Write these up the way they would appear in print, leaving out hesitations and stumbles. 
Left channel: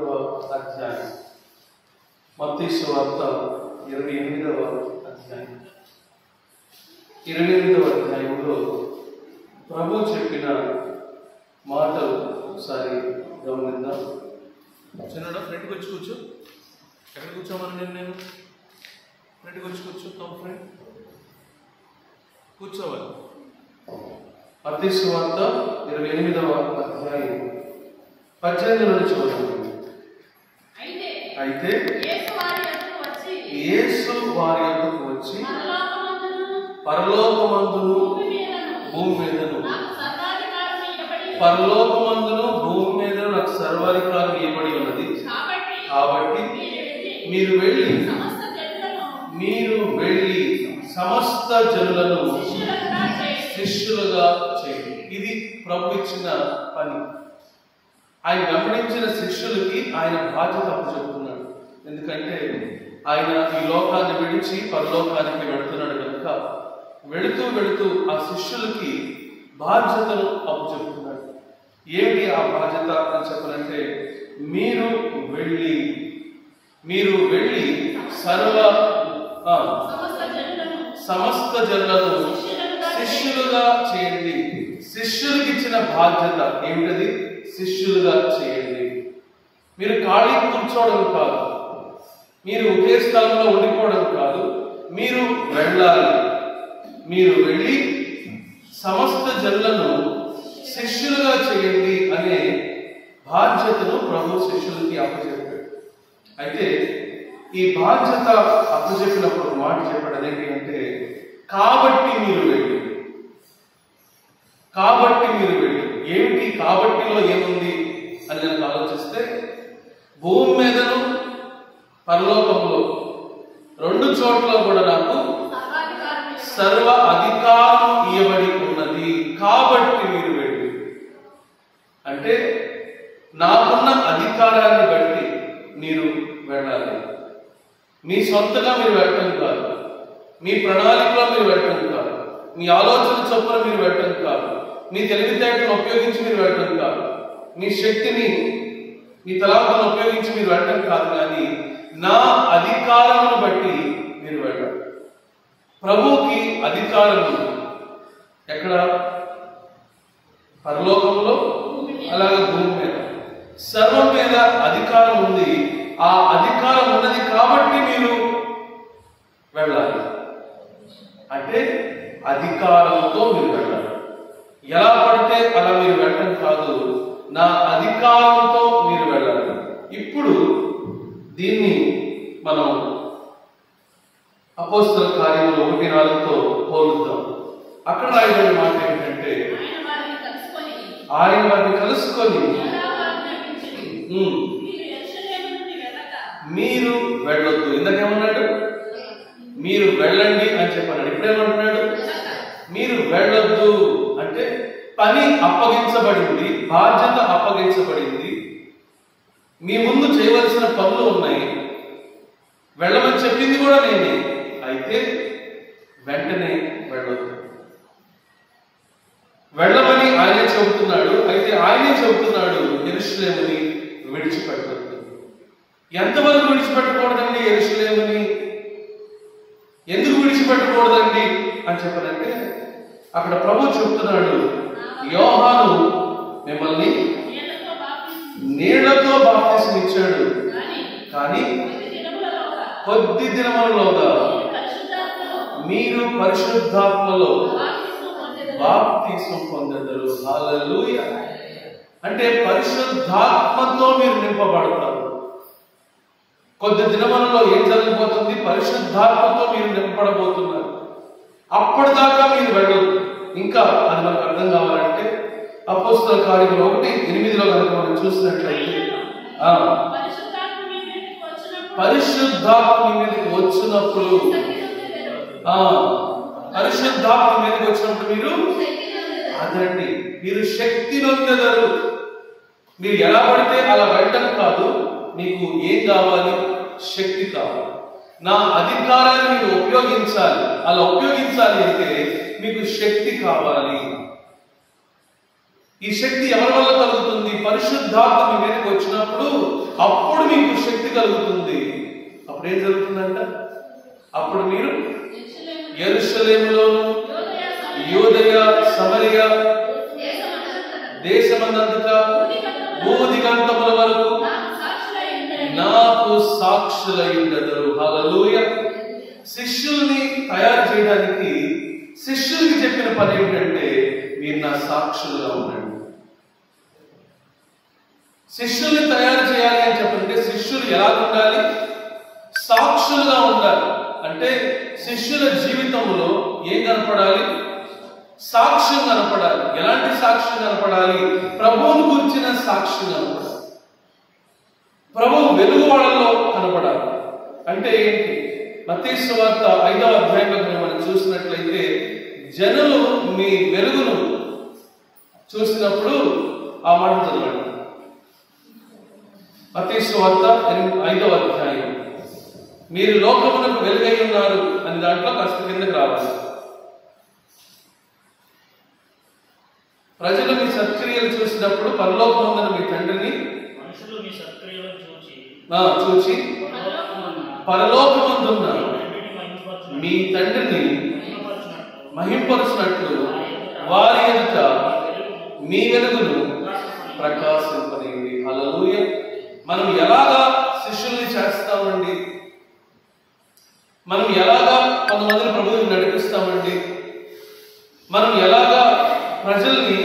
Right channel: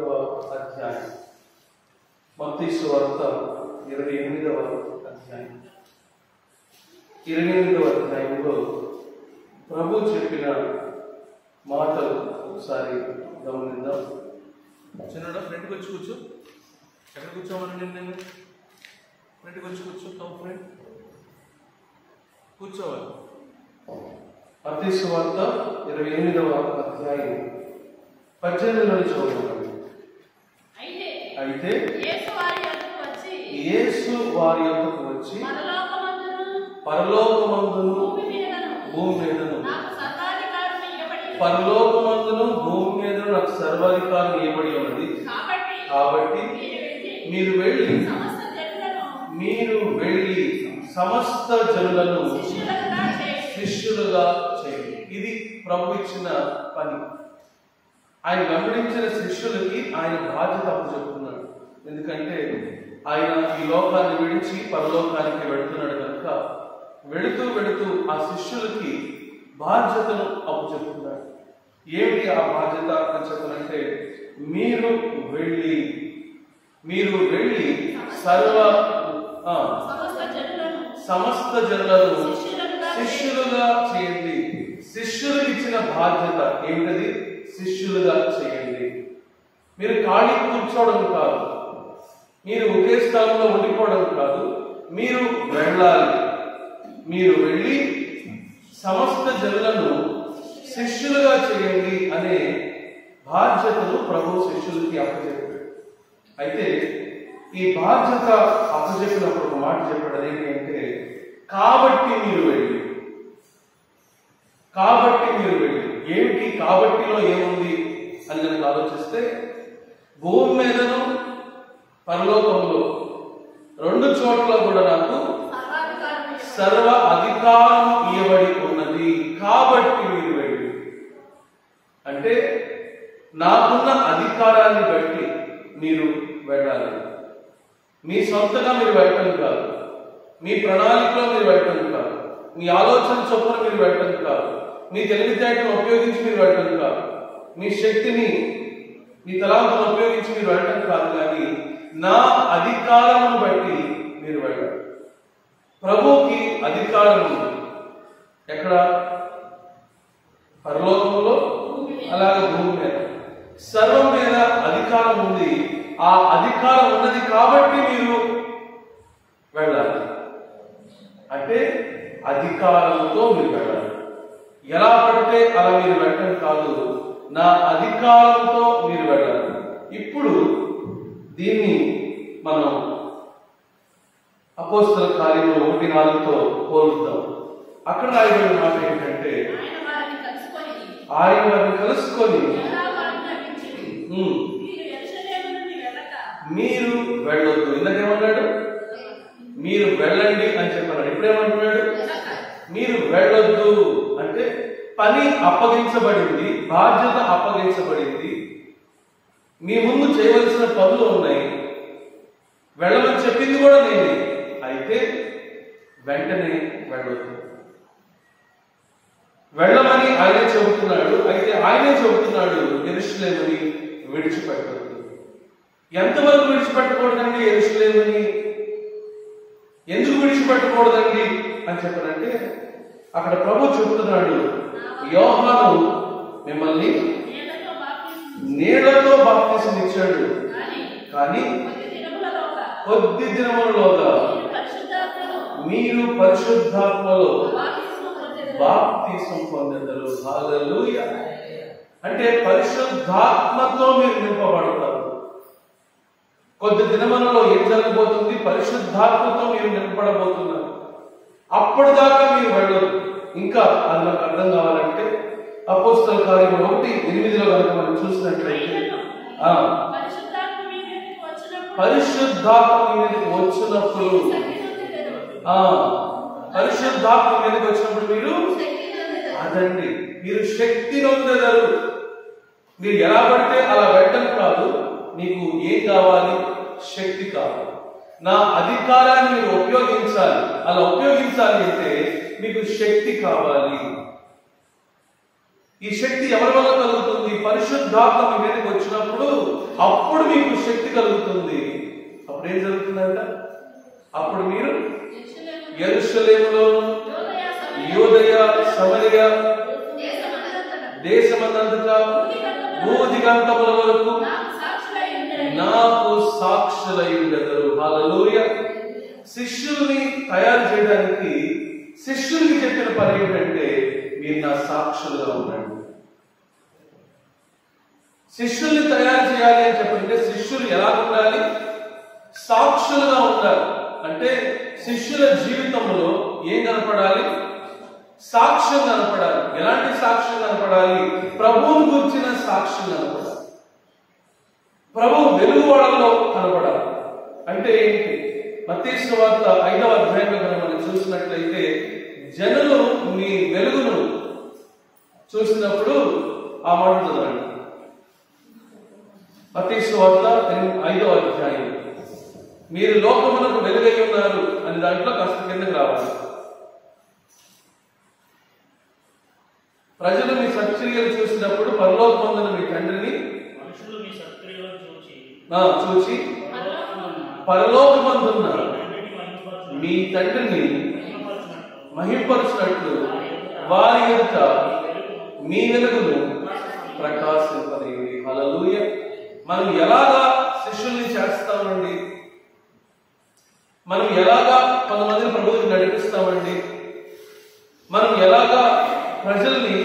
28వ అధ్యాయం. మత్తయి సువార్త 28వ అధ్యాయం. 28వ అధ్యాయంలో ప్రభు చెప్పిన మాటలు ఒకసారి గమనిద్దాం. చిన్నడా ఫ్రెండ్కి వచ్చి కూర్చో. ఎక్కడ కూర్చోమని నేను ఫ్రెండ్కి వచ్చి కూర్చో. కమ్ ఫ్రెండ్ కూర్చోవాలి. మత్తయి సువార్త 28వ అధ్యాయం 18 నుంచి చదువుతాను. అయితే యేసు వారి యొద్దకు వచ్చి పరలోకమందును భూమి మీదను నాకు సర్వాధికారం ఇవ్వబడి ఉన్నది. కాబట్టి మీరు వెళ్ళి సమస్త జనులను శిష్యులుగా చేయండి. ఇది ప్రభు ఇచ్చిన పని. ఆయన వెంబడించిన శిష్యులకి ఆయన బాధ్యత అప్పచెప్తున్నాడు. ఎందుకంటే ఆయన ఈ లోకాన్ని విడిచి పరలోకానికి వెళుతున్నాడు కనుక వెళుతూ ఆ శిష్యులకి బాధ్యతను అప్పచెప్తున్నాడు. ఏమిటి ఆ బాధ్యత అని చెప్పాలంటే, మీరు వెళ్ళి సమస్త జనులను శిష్యులుగా చేయండి. శిష్యులకు ఇచ్చిన బాధ్యత ఏమిటది? శిష్యులుగా చేయండి. మీరు ఖాళీ కూర్చోవడం కాదు, మీరు ఒకే స్థానంలో ఉండిపోవడం కాదు, మీరు వెళ్ళాలి. మీరు వెళ్ళి సమస్త జనులను శిష్యులుగా చేయండి అనే బాధ్యతను ప్రభు శిష్యులకి అప్పచెప్పాడు. అయితే ఈ బాధ్యత అప్పచెప్పినప్పుడు మాట చెప్పాడు. అదేంటి అంటే, కాబట్టి మీరు వెళ్ళి. ఏమిటి కాబట్టిలో ఏముంది అని కనుక ఆలోచిస్తే, భూమి మీదను పరలోకంలో రెండు చోట్ల కూడా నాకు సర్వ అధికారం ఇవ్వబడి ఉన్నది. కాబట్టి మీరు వెళ్ళి అంటే, నాకున్న అధికారాన్ని బట్టి మీరు వెళ్ళాలి. మీ సొంతగా మీరు వెళ్ళటం కాదు, మీ ప్రణాళికలో మీరు వెళ్ళటం కాదు, మీ ఆలోచన చొప్పున మీరు వెళ్ళటం కాదు, మీ తెలివితేటలను ఉపయోగించి మీరు వెళ్ళటం కాదు, మీ శక్తిని మీ తలాంతాలను ఉపయోగించి మీరు వెళ్ళటం కాదు, కానీ నా అధికారమును బట్టి మీరు వెళ్ళాలి. ప్రభువుకి అధికారం ఉంది. ఎక్కడ? పరలోకములో, అలాగే భూమి మీద, సర్వం మీద అధికారం ఉంది. ఆ అధికారం ఉన్నది కాబట్టి మీరు వెళ్ళాలి. అంటే అధికారంతో మీరు వెళ్ళాలి. ఎలా పడితే అలా మీరు వెళ్ళటం కాదు, నా అధికారంతో మీరు వెళ్ళాలి. ఇప్పుడు దీన్ని మనం అపోస్తల కార్యములు 1:4తో పోలుద్దాం. అక్కడ రాయబడిన మాట ఏంటంటే, ఆయన వారిని కలుసుకొని మీరు వెళ్ళొద్దు. ఇందాకేమన్నాడు? మీరు వెళ్ళండి అని చెప్పాడు. ఇప్పుడేమంటున్నాడు? మీరు వెళ్ళొద్దు అంటే పని అప్పగించబడింది, బాధ్యత అప్పగించబడింది, మీ ముందు చేయవలసిన పనులు ఉన్నాయి, వెళ్ళమని చెప్పింది కూడా నేనే. అయితే వెంటనే వెళ్ళొద్దు. వెళ్ళమని ఆయనే చెబుతున్నాడు. అయితే ఆయనే చెబుతున్నాడు, యెరూషలేముని విడిచిపెట్టొద్దు. ఎంతవరకు విడిచిపెట్టకూడదండి యెరూషలేముని? ఎందుకు విడిచిపెట్టకూడదండి అని చెప్పారంటే, అక్కడ ప్రభు చెప్తున్నాడు, యోహాను మిమ్మల్ని నీళ్లతో బాప్తిసం ఇచ్చాడు, కానీ కొద్ది దినములలోగా మీరు పరిశుద్ధాత్మలో బాప్తిసం పొందెదరు. హల్లెలూయా. అంటే పరిశుద్ధాత్మతో మీరు నింపబడతారు. కొద్ది దినములలో ఏం జరగబోతుంది? పరిశుద్ధాత్మతో మీరు నింపబడబోతున్నారు. అప్పటిదాకా మీరు వెళ్ళొద్దు. ఇంకా అది మనకు అర్థం కావాలంటే అపోస్తల కార్యములు 1:8లో కనుక మనం చూసినట్లయితే, పరిశుద్ధాత్మ మీదకి వచ్చినప్పుడు మీరు అదండి, మీరు శక్తి నొందెదరు. మీరు ఎలా పడితే అలా వెళ్ళటం కాదు, మీకు ఏం కావాలి? శక్తి కావాలి. నా అధికారాన్ని మీరు ఉపయోగించాలి. అలా ఉపయోగించాలి అంటే మీకు శక్తి కావాలి. ఈ శక్తి ఎవరి వల్ల కలుగుతుంది? పరిశుద్ధాత్మ మీ మీదకి వచ్చినప్పుడు అప్పుడు మీకు శక్తి కలుగుతుంది. అప్పుడు ఏం జరుగుతుందంట? అప్పుడు మీరు యెరూషలేములోను యూదయ సమరయ దేశమందంతటా భూదిగంతముల వరకు నాకు సాక్షులై ఉండెదరు. హల్లెలూయా. శిష్యుల్ని తయారు చేయడానికి శిష్యులకి చెప్పిన పని ఏమిటంటే, మీరు నా సాక్షులుగా ఉండండి. శిష్యుల్ని తయారు చేయాలి అని చెప్పంటే శిష్యులు ఎలా ఉండాలి? సాక్షులుగా ఉండాలి. అంటే శిష్యుల జీవితంలో ఏం కనపడాలి? సాక్ష్యం కనపడాలి. ఎలాంటి సాక్ష్యం కనపడాలి? ప్రభువును గురించిన సాక్ష్యం కనపడాలి. ప్రభువు వెలుగు వాళ్ళలో కనపడాలి. అంటే ఏంటి? మత్తయి సువార్త 5వ అధ్యాయంలో మనం చూసినట్లయితే, జనులు మీ వెలుగును చూసినప్పుడు ఆ మాట చదవండి. మత్తయి సువార్త 5వ అధ్యాయం, మీరు లోకమునకు వెలుగై ఉన్నారు అని దాంట్లో కాస్త కిందకి రావాలి. ప్రజలు మీ సత్క్రియలు చూసినప్పుడు పరలోకమందున మీ తండ్రిని చూచి పరలోకమందున్న మీ తండ్రిని మహింపరుచినట్లు వారి ఎదుట మీ వెలుగును ప్రకాశింపనివ్వండి. హల్లెలూయా. మనం ఎలాగా శిష్యుల్ని చేస్తామండి? మనం ఎలాగా కొంతమందిని ప్రభువుకి నడిపిస్తామండి? మనం ఎలాగా ప్రజల్ని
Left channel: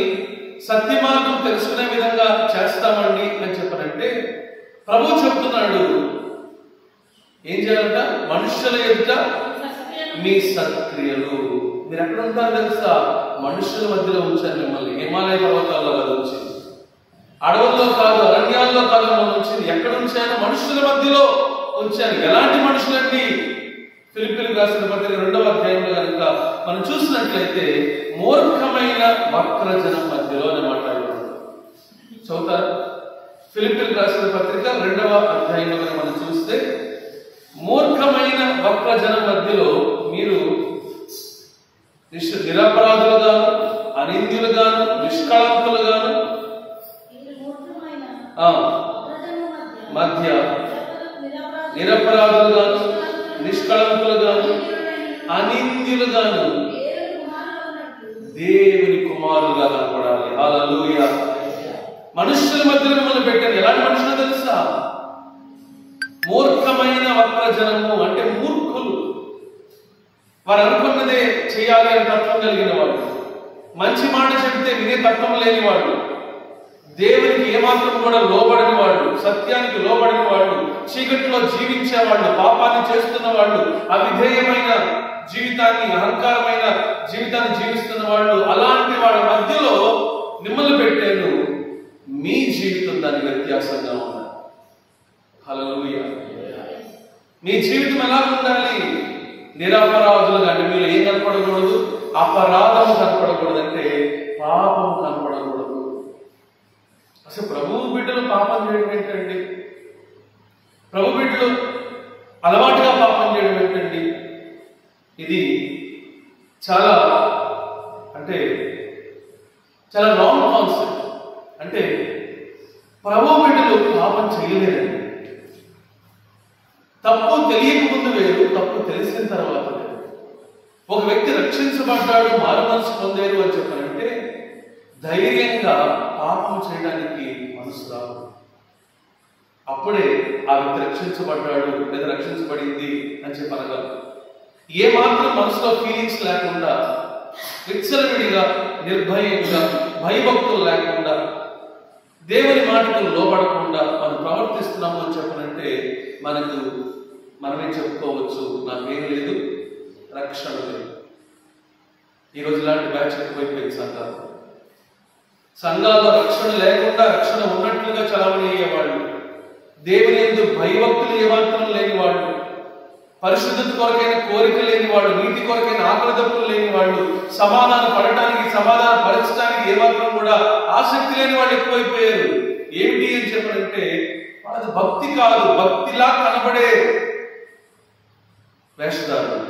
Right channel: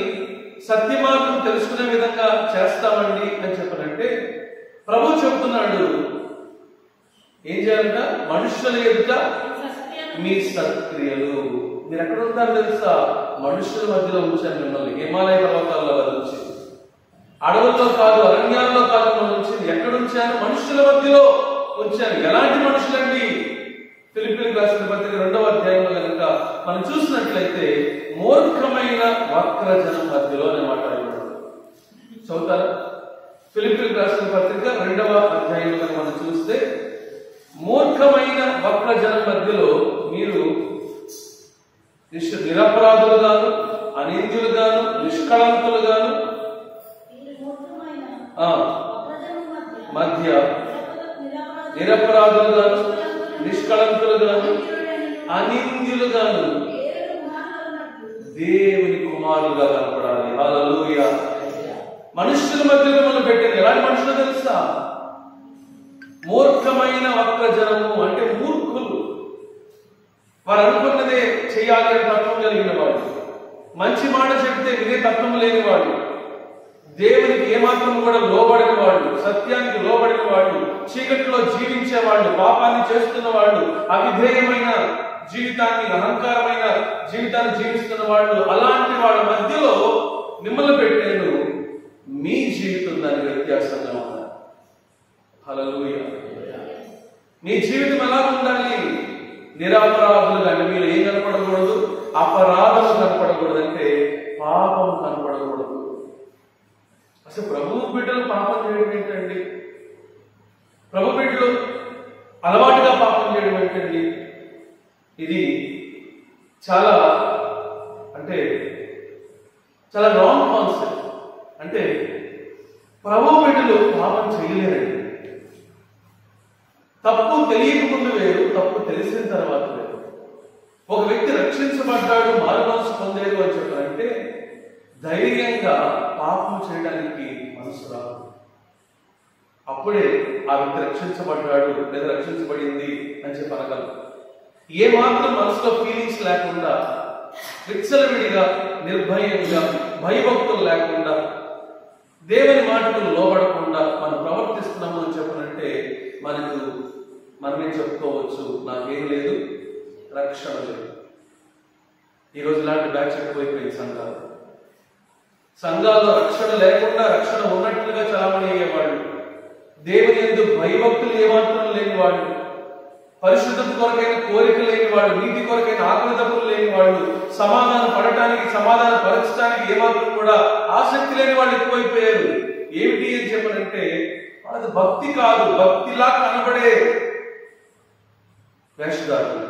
సత్యమార్గం తెలుసుకునే విధంగా చేస్తామండి అని చెప్పనంటే, ప్రభు చెప్తున్నాడు ఏం చేయాలంట? మనుషుల ఎదుట మీ సత్క్రియలు. మీరు ఎక్కడ ఉంటారు తెలుసా? మనుషుల మధ్యలో ఉంచాను మిమ్మల్ని. హిమాలయ పర్వతాల్లో కాదు ఉంచింది, అడవుల్లో కాదు, అరణ్యాల్లో కాదు మిమ్మల్ని ఉంచింది. ఎక్కడ ఉంచాను? మనుషుల మధ్యలో ఉంచాను. ఎలాంటి మనుషులండి? ఫిలిప్పీయులకు రాసిన పత్రిక 2వ అధ్యాయంలో కనుక మనం చూసినట్లయితే, మూర్ఖమైన వక్రజనం మధ్యలో అని మాట్లాడుతున్నాడు. చదువుతారు? ఫిలిప్పీయులకు రాసిన పత్రిక 2వ అధ్యాయంలో కనుక మనం చూస్తే, మూర్ఖమైన వక్రజనం మధ్యలో మీరు నిరపరాధులుగాను, అనింద్యులుగాను, నిష్కళంకులుగాను మధ్య నిరపరాధులుగాను, నిష్కళంకులుగాను, అనింద్యులుగాను దేవుని కుమారులుగా కనపడాలి. హల్లెలూయా. మనుషుల మధ్యలో మిమ్మల్ని పెట్టారు. ఎలాంటి మనుషులు తెలుసా? మూర్ఖమైన వక్రజనము అంటే మూర్ఖులు. వారు అనుకున్నదే చేయాలి అని తత్వం కలిగిన వాడు, మంచి మాట చెప్తే వినే తత్వం లేని వాడు, దేవునికి ఏమాత్రం కూడా లోబడిన వాళ్ళు, సత్యానికి లోబడిన వాళ్ళు, చీకటిలో జీవించేవాళ్ళు, పాపాన్ని చేస్తున్న వాళ్ళు, అవిధేయమైన జీవితాన్ని, అహంకారమైన జీవితాన్ని జీవిస్తున్న వాళ్ళు, అలాంటి వాళ్ళ మధ్యలో మిమ్మల్ని పెట్టాను. మీ జీవితం దాని వ్యత్యాసంగా ఉండాలి. హల్లెలూయా. మీ జీవితం ఎలా ఉండాలి? నిరపరాధులుగా. అంటే మీలో ఏం కనపడకూడదు? అపరాధం కనపడకూడదు. అంటే పాపం కనపడకూడదు. అసలు ప్రభు బిడ్డలు పాపం చేయడం ఏంటండి? ప్రభు బిడ్డలు అలవాటుగా పాపం చేయడం ఏంటండి? ఇది చాలా రాంగ్ కాన్సెప్ట్. అంటే ప్రభు బిడ్డలు పాపం చేయలేరండి. తప్పు తెలియకముందు వేరు, తప్పు తెలిసిన తర్వాత వేరు. ఒక వ్యక్తి రక్షించబడ్డాడు, మారు మనసు పొందారు అని చెప్పారంటే ధైర్యంగా పాపం చేయడానికి మనసు రాదు. అప్పుడే ఆ వ్యక్తి రక్షించబడ్డాడు లేదా రక్షించబడింది అని చెప్పనగలరు. ఏ మాత్రం మనసులో ఫీలింగ్స్ లేకుండా, విచ్చలవిడిగా, నిర్భయంగా, భయభక్తులు లేకుండా, దేవుని మాటకు లోబడకుండా మనం ప్రవర్తిస్తున్నాము అని చెప్పనంటే మనమే చెప్పుకోవచ్చు, నాకేం లేదు, రక్షణ లేదు. ఈరోజు ఇలాంటి బ్యాచ్ ఎక్కువైపోయింది సంఘాల్లో రక్షణ లేకుండా రక్షణ ఉన్నట్లుగా చలామణి అయ్యేవాళ్ళు, దేవుని యందు భయభక్తులు ఏమాత్రం లేని వాళ్ళు, పరిశుద్ధత కొరకైన కోరిక లేని వాళ్ళు, నీతి కొరకైన ఆకలి దప్పులు లేని వాళ్ళు, సమాధానం పడటానికి, సమాధానం పరచడానికి ఏమాత్రం కూడా ఆసక్తి లేని వాళ్ళు ఎక్కువైపోయారు. ఏమిటి అని చెప్పనంటే వాళ్ళది భక్తి కాదు, భక్తిలా కనబడే వేషధారులు.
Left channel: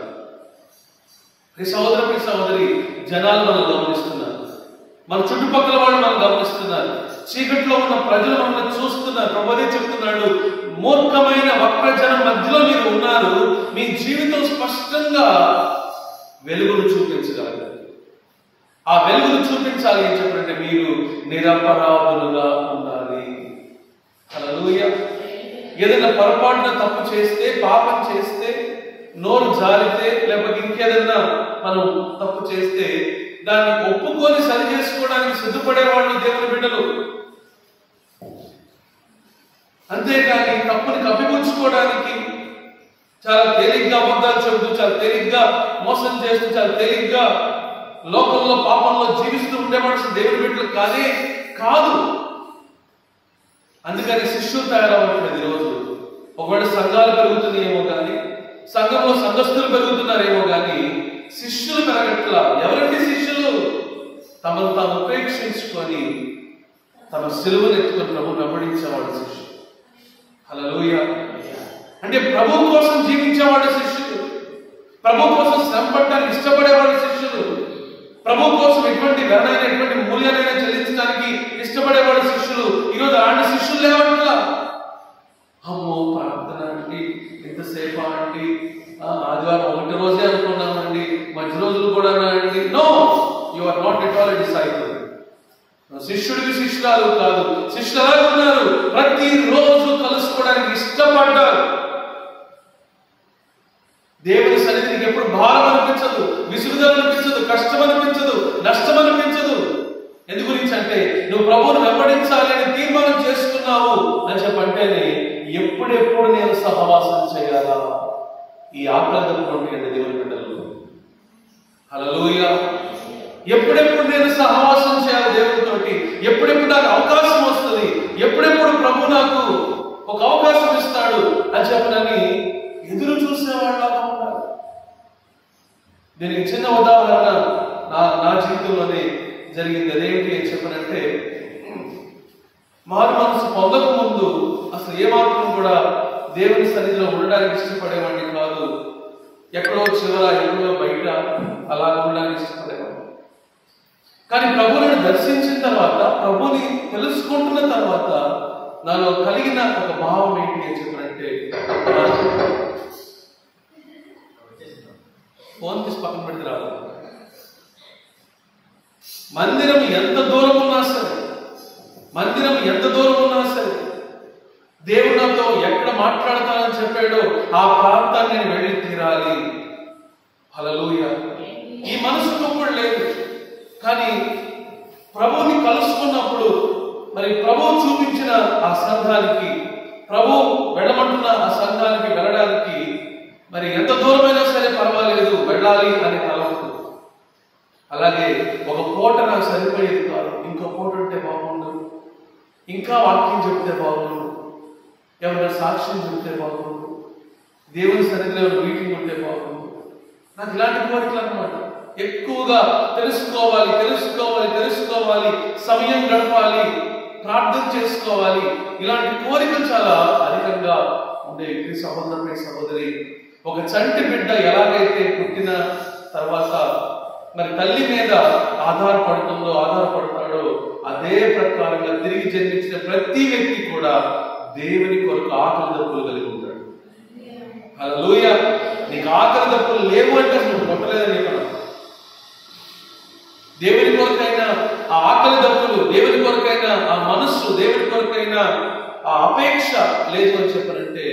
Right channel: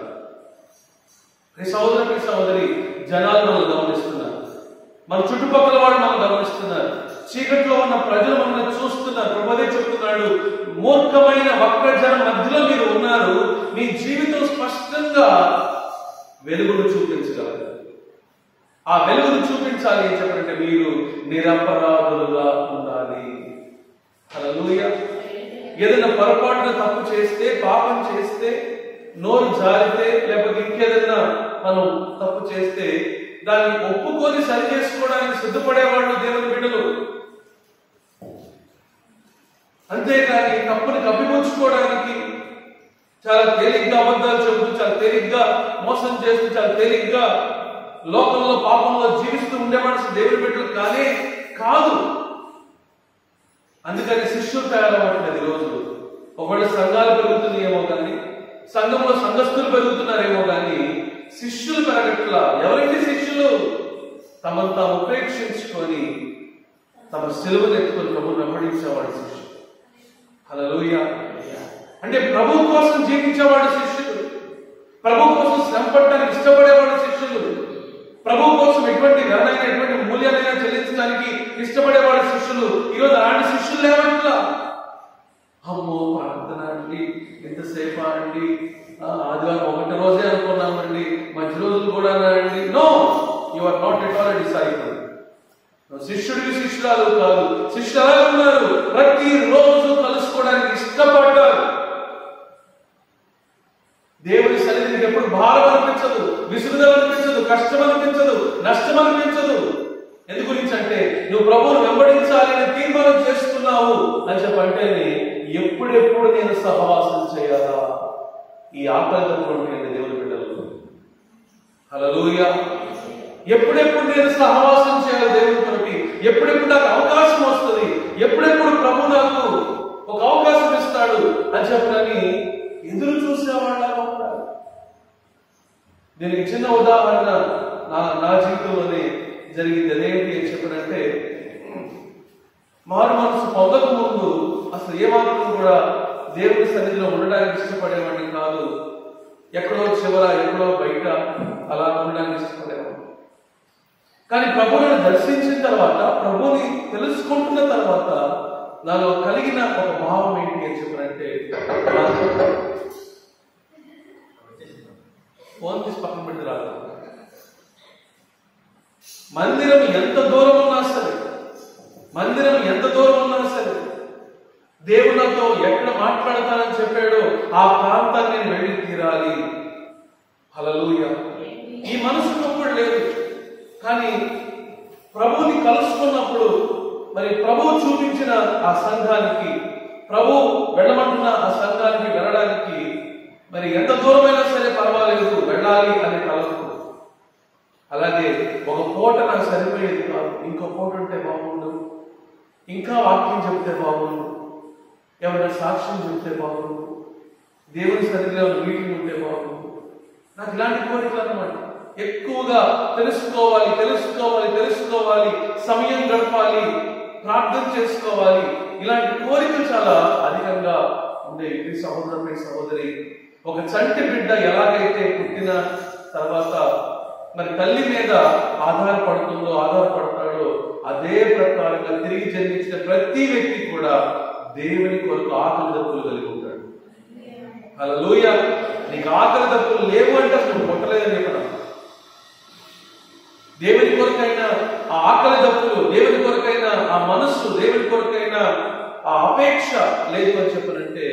సహోదరి జనాలు మనం గమనిస్తున్నారు, మన చుట్టుపక్కల వాళ్ళు మనం గమనిస్తున్నారు. చీకట్లో ఉన్న ప్రజలు మనల్ని చూస్తున్నారు. ప్రభు అదే చెప్తున్నాడు, మూర్ఖమైన వక్రజనం మధ్యలో మీరు ఉన్నారు, మీ జీవితం స్పష్టంగా వెలుగును చూపించగలరు. ఆ వెలుగును చూపించాలి అని చెప్పంటే మీరు నిరపరాధులుగా ఉండాలి. హల్లెలూయా. ఏదైనా పొరపాటున తప్పు చేస్తే, పాపం చేస్తే, నోరు జారితే, లేకపోతే ఇంకేదన్నా మనం తప్పు చేస్తే దాన్ని ఒప్పుకొని సరి చేసుకోవడానికి సిద్ధపడేవాళ్ళు దేవుని బిడ్డలు. అంతేకాని తప్పుని కప్పిపుచ్చుకోవడానికి చాలా తేలిగ్గా అబద్ధాలు చెబుతూ, చాలా తేలిగ్గా మోసం చేస్తూ, చాలా తేలిగ్గా లోకంలో పాపంలో జీవిస్తూ ఉండే మనుషులు దేవుని బిడ్డలు కానే కాదు. అందుకని శిష్యులు తయారవ్వట్లేదు ఈరోజు. ఒకవేళ సంఘాలు పెరుగుతున్నాయేమో కానీ, సంఘంలో సంఘస్థులు పెరుగుతున్నారేమో కానీ శిష్యులు పెరగట్లా. ఎవరండి శిష్యులు? తమను తాము ఉపేక్షించుకొని తమ సిలువను ఎత్తుకొని ప్రభువును వెంబడించేవాడు శిష్యుడు. హల్లెలూయా. అంటే ప్రభు కోసం జీవించేవాడు శిష్యుడు, ప్రభు కోసం శ్రమ పడడానికి ఇష్టపడేవాడు శిష్యులు, ప్రభు కోసం ఎటువంటి ధరనైనా ఎటువంటి మూల్యాలైనా చెల్లించడానికి ఇష్టపడేవాడు శిష్యులు. ఈరోజు అలాంటి శిష్యులు లేవట్లా. అమ్మో ప్రార్థన అండి, ఎంతసేపు అండి, ఆదివారం ఒకటి రోజే అనుకున్నామండి, మంచి రోజులు కూడా అండి. No, you are not at all a disciple. శిష్యుడికి శిష్యురాలు కాదు. శిష్యులు ఎలా ఉన్నారు? ప్రతిరోజు కలుసుకోవడానికి ఇష్టపడ్డారు. దేవుని సన్నిధికి ఎప్పుడు భారం అనిపించదు, విసుగుదల అనిపించదు, కష్టం అనిపించదు, నష్టం అనిపించదు. ఎందు గురించి అంటే నువ్వు ప్రభువును వెంబడించాలి అని తీర్మానం చేసుకున్నావు అని చెప్పంటేనే ఎప్పుడెప్పుడు నేను సహవాసం చేయాలా, ఈ ఆకలితో ఉంటాయండి దేవుని బిడ్డలు. హల్లెలూయా. ఎప్పుడెప్పుడు నేను సహవాసం చేయాలి దేవునితోటి, ఎప్పుడెప్పుడు నాకు అవకాశం వస్తుంది, ఎప్పుడెప్పుడు ప్రభు నాకు ఒక అవకాశం ఇస్తాడు అని చెప్పనని ఎదురు చూసేవాళ్ళ ఉంటారు. దీనికి చిన్న ఉదాహరణ నా జీవితంలోనే జరిగింది. అదేమిటి అని చెప్పనంటే, మారు మనసు పొందక ముందు అసలు ఏమాత్రం కూడా దేవుని సన్నిధిలో ఉండడానికి ఇష్టపడేవాడిని కాదు. ఎక్కడో చివర, ఎక్కడో బయట అలా ఉండడానికి ఇష్టపడేవాడిని. కానీ ప్రభువుని దర్శించిన తర్వాత, ప్రభుని తెలుసుకుంటున్న తర్వాత నాలో కలిగిన ఒక భావం ఏంటి అని చెప్పనంటే, ఫోన్ తీసి పక్కన పెట్టి రాదు. మందిరం ఎంత దూరం ఉన్నా సరే, మందిరం ఎంత దూరం ఉన్నా సరే, దేవుడు నాతో ఎక్కడ మాట్లాడతానని చెప్పాడో ఆ ప్రాంతాన్ని నేను వెళ్ళి తీరాలి. హల్లెలూయా. ఈ మనసుకు కూడా లేదు. కానీ ప్రభువుని కలుసుకున్నప్పుడు, మరి ప్రభువు చూపించిన ఆ సంఘానికి, ప్రభు వెళ్ళమంటున్న ఆ సంఘానికి వెళ్ళడానికి మరి ఎంత దూరమైనా సరే పర్వాలేదు, వెళ్ళాలి అనే తలంపు. అలాగే ఒక పూట నాకు సరిపోయేది కాదు, ఇంకో పూట ఉంటే బాగుండు, ఇంకా వాక్యం చెప్తే బాగుండు, ఏమన్నా సాక్ష్యం చెప్తే బాగుండు, దేవుని సన్నిధిలో మీటింగ్ ఉంటే బాగుండు. నాకు ఇలాంటి కోరికలు అన్నమాట. ఎక్కువగా తెలుసుకోవాలి, తెలుసుకోవాలి, తెలుసుకోవాలి, సమయం గడపాలి, ప్రార్థన చేసుకోవాలి, ఇలాంటి కోరికలు చాలా అధికంగా ఉండేవి. ఈ సహోదరుని సహోదరి, ఒక చంటి బిడ్డ ఎలాగైతే పుట్టిన తర్వాత మరి తల్లి మీద ఆధారపడతాడో అదే ప్రకారంగా తిరిగి జన్మించిన ప్రతి వ్యక్తి కూడా దేవుని కొరకు ఆకలి దప్పులు కలిగి ఉంటాడు. హల్లెలూయా. నీకు ఆకలి దప్పులు లేవు అంటే అసలు నువ్వు పుట్టలేదని చెప్పను. దేవుని కొరకైనా ఆ ఆకలి దప్పులు, దేవుని కొరకైనా ఆ మనస్సు, దేవుని కొరకైనా ఆ అపేక్ష లేదు అని చెప్పనంటే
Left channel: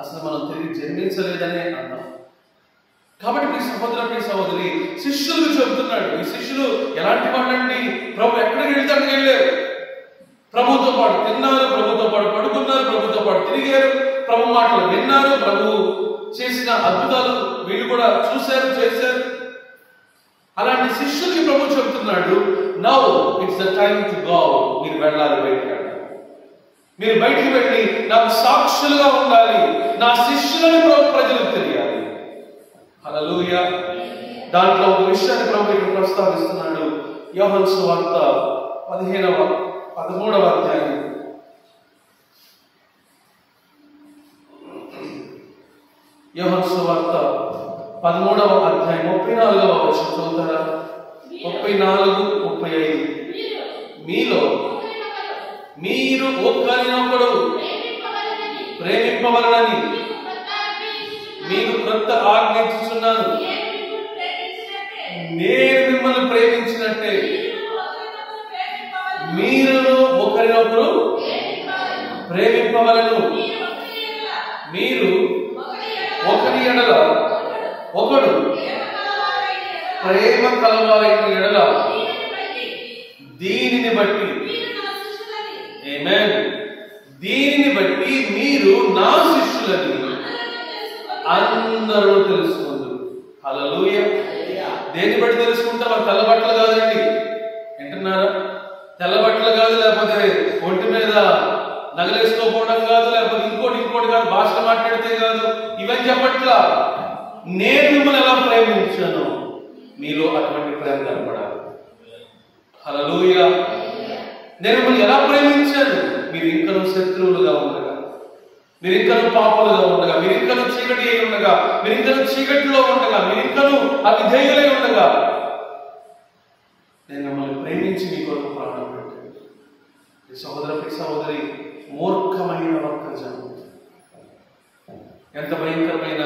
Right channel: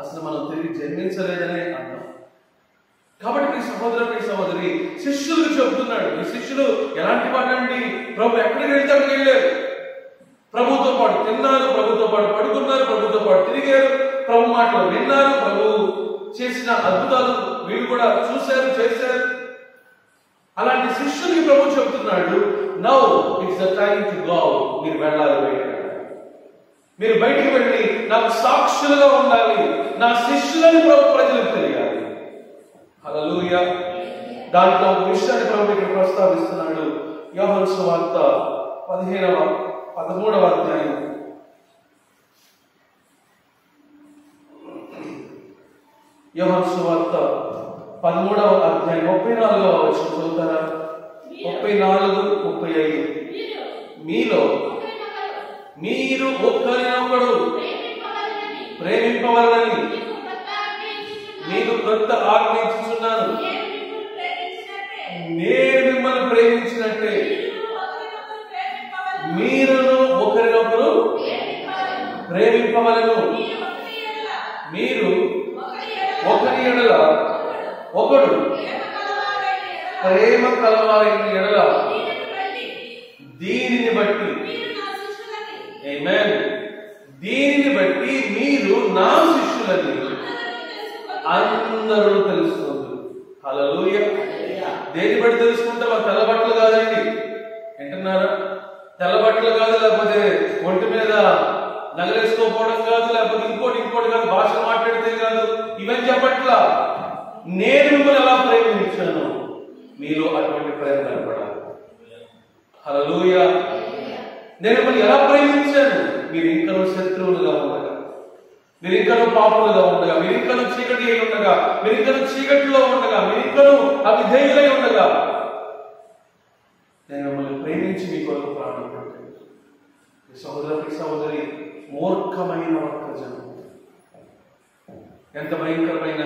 అసలు మనం తిరిగి జన్మించలేదనే అన్నాం. కాబట్టి మీ సహోదరి శిష్యులకు చెబుతున్నాడు. ఈ శిష్యులు ఎలాంటి వాళ్ళండి? ప్రభు ఎక్కడికి వెళ్తే అక్కడికి వెళ్ళారు. ప్రభుతో పాటు తిన్నారు, ప్రభుతో పాటు పడుకున్నారు, ప్రభుతో పాటు తిరిగారు, ప్రభు మాటలు విన్నారు, ప్రభు చేసిన అద్భుతాలు వీళ్ళు కూడా చూశారు, చేశారు. అలాంటి శిష్యులకి ప్రభు చెబుతున్నాడు, now it's the time to go. మీరు వెళ్ళాలి, బయట మీరు బయటికి వెళ్ళి నాకు సాక్షులుగా ఉండాలి, నా శిష్యులని ప్రజలకు తెలియాలి. హల్లెలూయా. దాంట్లో ఒక విషయాన్ని ప్రభు ఇక్కడ ప్రస్తావిస్తున్నాడు. యోహాను సువార్త 13వ అధ్యాయం 34వ వచనం చదువుతారా? 34, 35. మీలో మీరు ఒకరినొకడు ప్రేమింపవలనని మీకు క్రొత్త ఆజ్ఞ ఇచ్చుచున్నాను. నేను మిమ్మల్ని ప్రేమించినట్టే మీరును ఒకరినొకరు ప్రేమింపవలను. మీరు ఒకరి ఎడల ఒకడు ప్రేమ కలవారైన ఎడల దీనిని బట్టి ఆమేన్, దీనిని బట్టి మీరు నా శిష్యులని అందరూ తెలుసుకుంటారు. హల్లెలూయా. దేని బట్టి తెలుసుకుంటారు? మన తెల్ల బట్టలు కాదండి, వింటున్నారా? తెల్ల బట్టలు కాదు, లేకపోతే ఒంటి మీద నగలేసుకోపోవడం కాదు, లేకపోతే ఇంకోటి కాదు, భాషలు మాట్లాడితే కాదు, ఇవన్నీ చెప్పట్లా. నేను మిమ్మల్ని ఎలా ప్రేమించాను మీలో అటువంటి ప్రేమ కనపడాలి. హల్లెలూయా. నేను మిమ్మల్ని ఎలా ప్రేమించాను? మీరు ఇంకనూ శత్రువులుగా ఉండగా, మీరు ఇంకనూ పాపులుగా ఉండగా, మీరు ఇంకనూ చీకటి అయి ఉండగా, మీరు ఇంకనూ చీకటిలో ఉండగా, మీరు ఇంకనూ అవిధేయులై ఉండగా నేను మిమ్మల్ని ప్రేమించి మీ కొరకు ప్రాణం పెట్టాను. ఈ సహోదరి మూర్ఖమైన వర్తజనం. ఎంత భయంకరమైన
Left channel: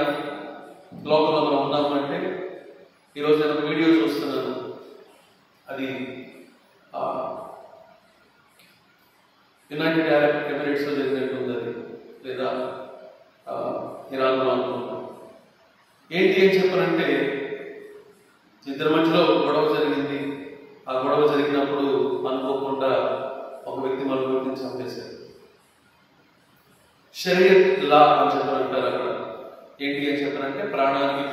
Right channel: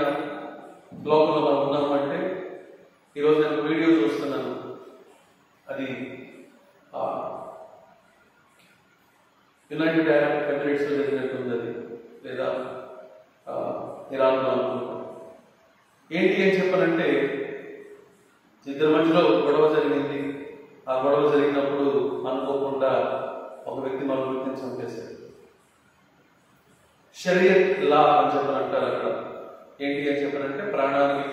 లోకంలో మనం ఉన్నామంటే, ఈరోజు నేను ఒక వీడియో చూస్తున్నాను. అది యునైటెడ్ అరబ్ ఎమిరేట్స్ లో జరిగినట్టుంది, అది లేదా ఇరాన్లో అనుకుంటాం. ఏంటి అని చెప్పారంటే, ఇద్దరి మధ్యలో గొడవ జరిగింది. ఆ గొడవ జరిగినప్పుడు అనుకోకుండా ఒక వ్యక్తి మరొక వ్యక్తిని చంపేశారు. షరియత్ లా అని చెప్పారంటారు అక్కడ. ఏంటి అని చెప్పారంటే, ప్రాణానికి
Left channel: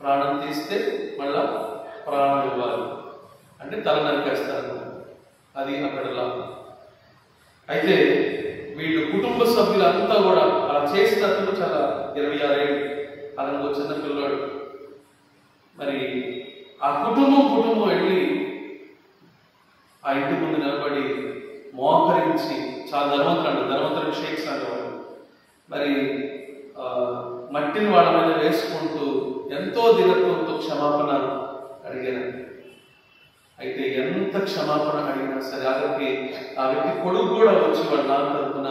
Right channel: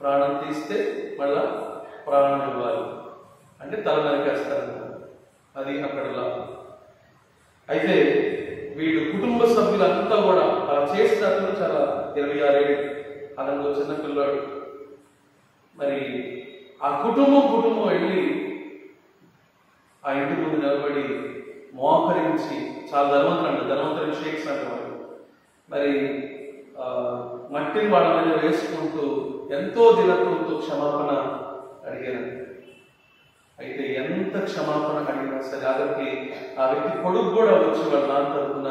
ప్రాణం తీస్తే మళ్ళా ప్రాణం ఇవ్వాలి, అంటే తల నరికేస్తారు. అది అక్కడ లా. అయితే వీళ్ళు కుటుంబ సభ్యులంతా కూడా అలా చేసిన అతను చాలా 26 ఏళ్ళు, అతను చిన్న పిల్లవాడు. మరి ఆ కుటుంబం వెళ్ళి ఆ ఇంటి ముందు నిలబడి మోకరించి, చాలా ధనవంతరం షేక్స్ అంటారు. మరి మట్టిని వాళ్ళ మీద వేసుకుంటూ ఎంతో దినత్వంతో క్షమాపణ అడిగాను. అయితే ఎంత క్షమాపణ అడిగినా సరే, ఆఖరికి ఆ వ్యక్తి కొడుకు కూడా వచ్చి వాళ్ళ నాన్న తరఫున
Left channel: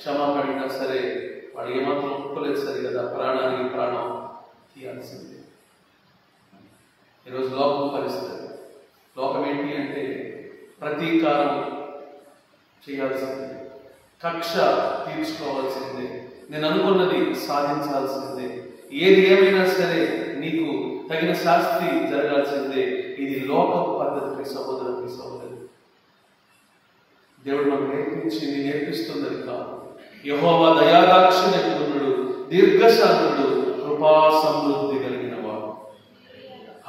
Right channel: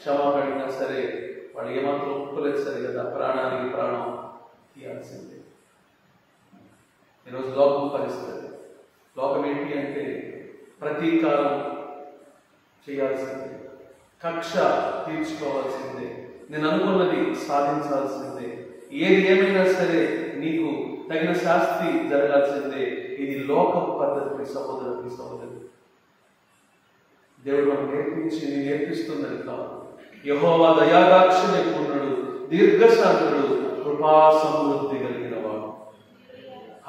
క్షమాపణ అడిగినా సరే వాడు ఏమాత్రం ఒప్పుకోలేదు. సరే కదా, ప్రాణానికి ప్రాణం తీయాల్సిందే. ఈరోజు లోకం పరిస్థితి. లోకం ఏంటి అంటే, ప్రతీకారం చేయాల్సిందే, కక్ష తీర్చుకోవాల్సిందే, నేను అనుకున్నది సాధించాల్సిందే, ఏది ఏమైనా సరే నీకు తగిన శాస్తి జరగాల్సిందే. ఇది లోక పద్ధతి. సహోదరి, దేవుడు మనం నేర్పిస్తున్నది కాదు. యెహోవా దయాదాక్షిణ్య పూర్ణుడు, దీర్ఘశాంతుడు, కృపా సమృద్ధి కలిగిన వాడు.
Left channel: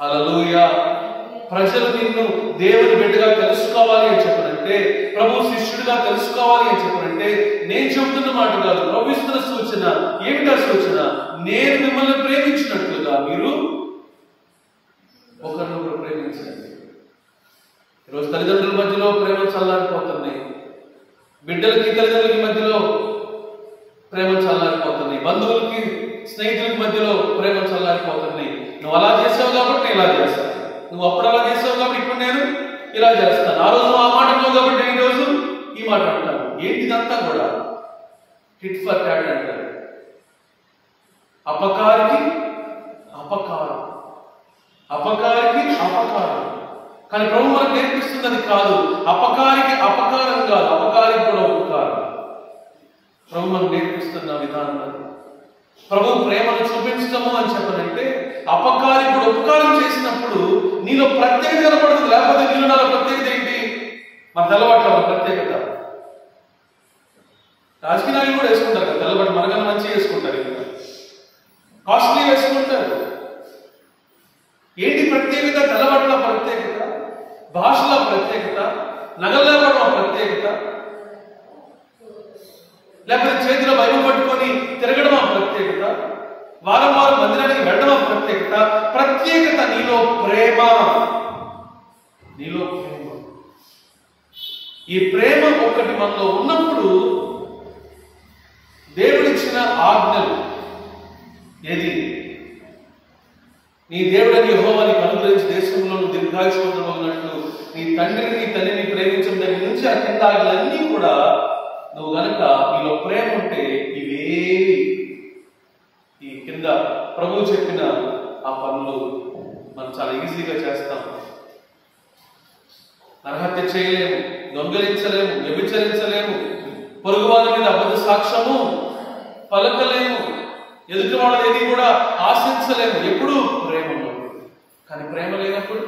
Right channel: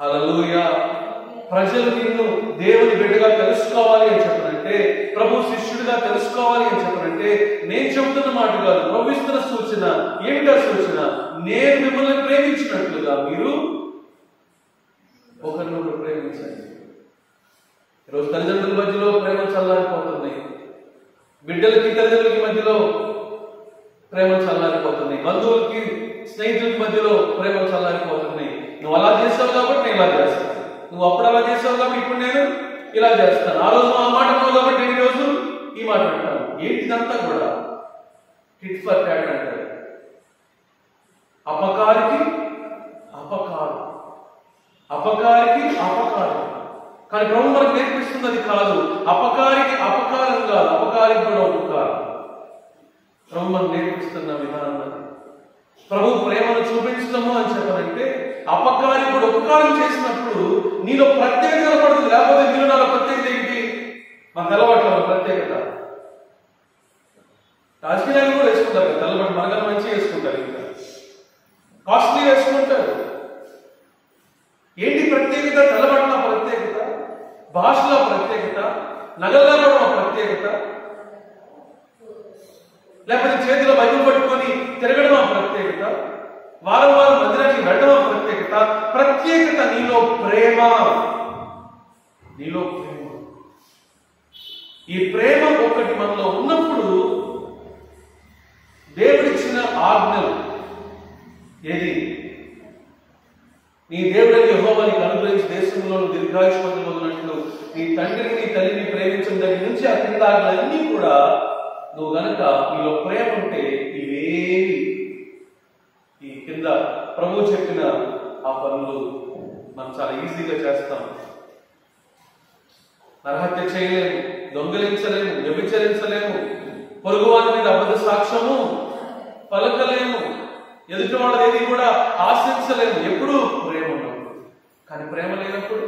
హల్లెలూయా. ప్రజలు నిన్ను దేవుని బిడ్డగా తెలుసుకోవాలి అని చెప్పనంటే, ప్రభు శిష్యుడిగా తెలుసుకోవాలి అని చెప్పనంటే, నేను చెబుతున్న మాట కాదు, ప్రభు ఇస్తున్న సూచన. ఏమిటా సూచన? నేను మిమ్మల్ని ప్రేమించినట్లుగా మీరు ఒకరినొకరు ప్రేమించండి. ఈరోజు తల్లిదండ్రుల మధ్యలో ప్రేమ చల్లారిపోతున్నాయి, బిడ్డలకి తల్లిదండ్రులకి మధ్యలో ప్రేమ చల్లారిపోతున్నాయి, బంధువులకి స్నేహితులకి మధ్యలో ప్రేమ చల్లారిపోతున్నాయి. నువ్వు అలా చేసావు కాబట్టి నేను ఇలా చేస్తాను, నువ్వు అప్పుడు అలా చేసావు కాబట్టి ఇప్పుడు నేను ఇలా చేస్తాను, ఆ రోజు ఆ మాట అన్నావు కాబట్టి నేను ఈరోజు ఈ మాట అంటాను. ఏంటిదంతా కూడా హిట్ ఫర్ ట్యాట్ అంటారు. అపకారికి అపకారం. కానీ ప్రభు మనకు నేర్పిస్తుంది అది కాదు. అపకారికి అపకారం కాదు, అపకారికి కూడా ఉపకారం. ప్రభు మనకు నేర్పిస్తున్న విధానం అది. ప్రభు ప్రేమను చూపించడము అని చెప్పనంటే, అపకారి కూడా ఉపకారం చేసినప్పుడు నీలో ప్రత్యేకత కనపడుతుంది. లేకపోతే నీలో నాలో ప్రత్యేకత ఏంటి? మన తెల్లబట్ల ప్రత్యేకత. రాజకీయ నాయకులు కూడా వేసుకుంటారు కదా తెల్లబట్ట, మనకన్నా మంచిగా వేసుకుంటారు, ఇంకా కాస్ట్లీ వేసుకుంటారు. ఏంటి ప్రత్యేకత? తెల్లబట్ల ప్రత్యేకత, భాషల ప్రత్యేకత, నగల్లో కూడా ప్రత్యేకత, లేకపోతే చేతిలో బైబిల్ పట్టుకొని తిరగడం ఆ ప్రత్యేకత, వారం వారం మందిరానికి వెళ్ళడం ఆ ప్రత్యేకత. ప్రత్యేకత నీలో ప్రేమ. ఈ ప్రేమ ఒకటి మనలో ఉన్నప్పుడు దేవుడిచ్చిన ఆజ్ఞలు ఏది? నీ దేవుడని యెహోవా నీకు అనుగ్రహించి దేశంలో దీర్ఘాయుష్మంతున్నట్లు నీ తండ్రిని నీ తల్లిని ప్రేమించడం దగ్గర నుంచి ఆ కింద ఆటలన్నీ కూడా నువ్వు గనక నీలో ప్రేమ ఉంటే ఇవేవి ఈ కింద ప్రభువు చెప్పిన ఆ పనులు మనం చాలా ఈజీగా చేస్తాం. నరహత్య చేయలేము, దొంగలించలేము, వ్యభిచరించలేము, పొరుగువాని మీద అబద్ధ సాక్ష్యము పలకలేము, ఎదుటి వాళ్ళది ఏది కూడా ఆశించలేము. ఎప్పుడు ప్రేమ ఉన్నప్పుడు. కానీ ప్రేమ లేనప్పుడు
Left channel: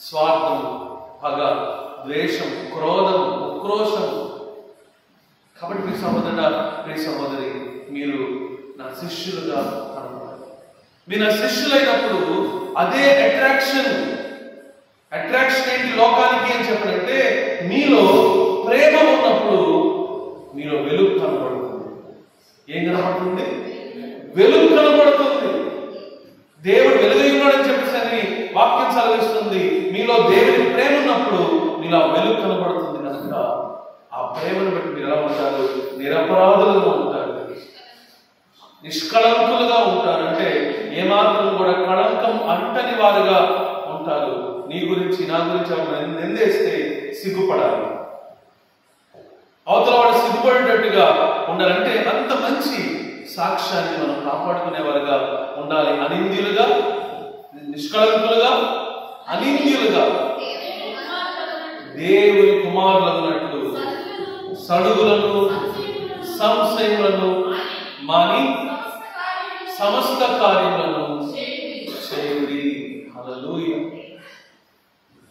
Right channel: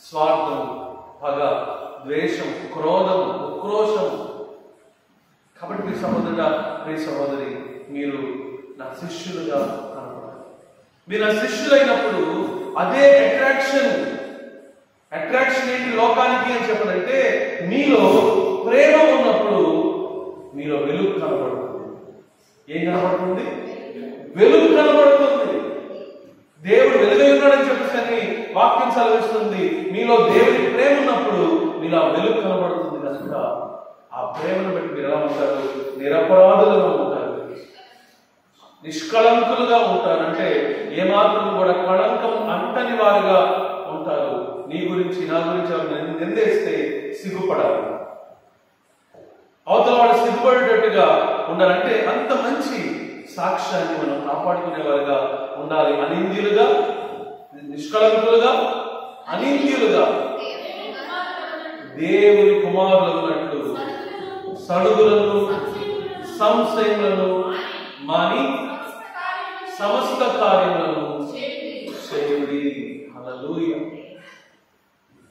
స్వార్థం, పగ, ద్వేషం, క్రోధం, ఉక్రోషం. కాబట్టి మీ సహోదరి మీరు నా శిష్యులుగా కనుగొనాలి. మీరు నా శిష్యులైనప్పుడు అదే అట్రాక్షన్ ఏంటి లోకానికి అని చెప్పనంటే, మీలో ప్రేమ ఉన్నప్పుడు మీలో వెలుగు కనబడుతుంది. ఏం కనబడుతుంది? వెలుగు కనబడుతుంది. దేవుడు వెలుగై ఉన్నాడని చెప్పేసి అని వాక్యం సెలవిస్తుంది. మీలో దేవుని ప్రేమ ఉన్నప్పుడు మీలో ఆ వెలుగు కనబడుతుంది కనుక ఆ ప్రేమను బట్టి మీరు ఎలా ఉంటారు? నిరపరాధులుగా ఉంటారు, నిష్కళంకులుగా ఉంటారు. అంటే ఏమాత్రం కూడా కళంకం అంటని వారుగా ఉంటారు. నీ గురించి నా గురించి నిందేస్తే సిగ్గుపడాలి, అవతల వాడు సిగ్గుపడేటట్టుగా ఉండాలంటే అంత మంచి సాక్ష్యాన్ని మనం కాపాడుకునేవారుగా ఉండాలి. అనింద్యులుగా, నిష్కళంకులుగా, అనింద్యులుగా, దేవుని కుమారులన్నట్లు సడుగులను సంశయములను మాని సమస్త కార్యములను చేయుడి. హల్లెలూయా.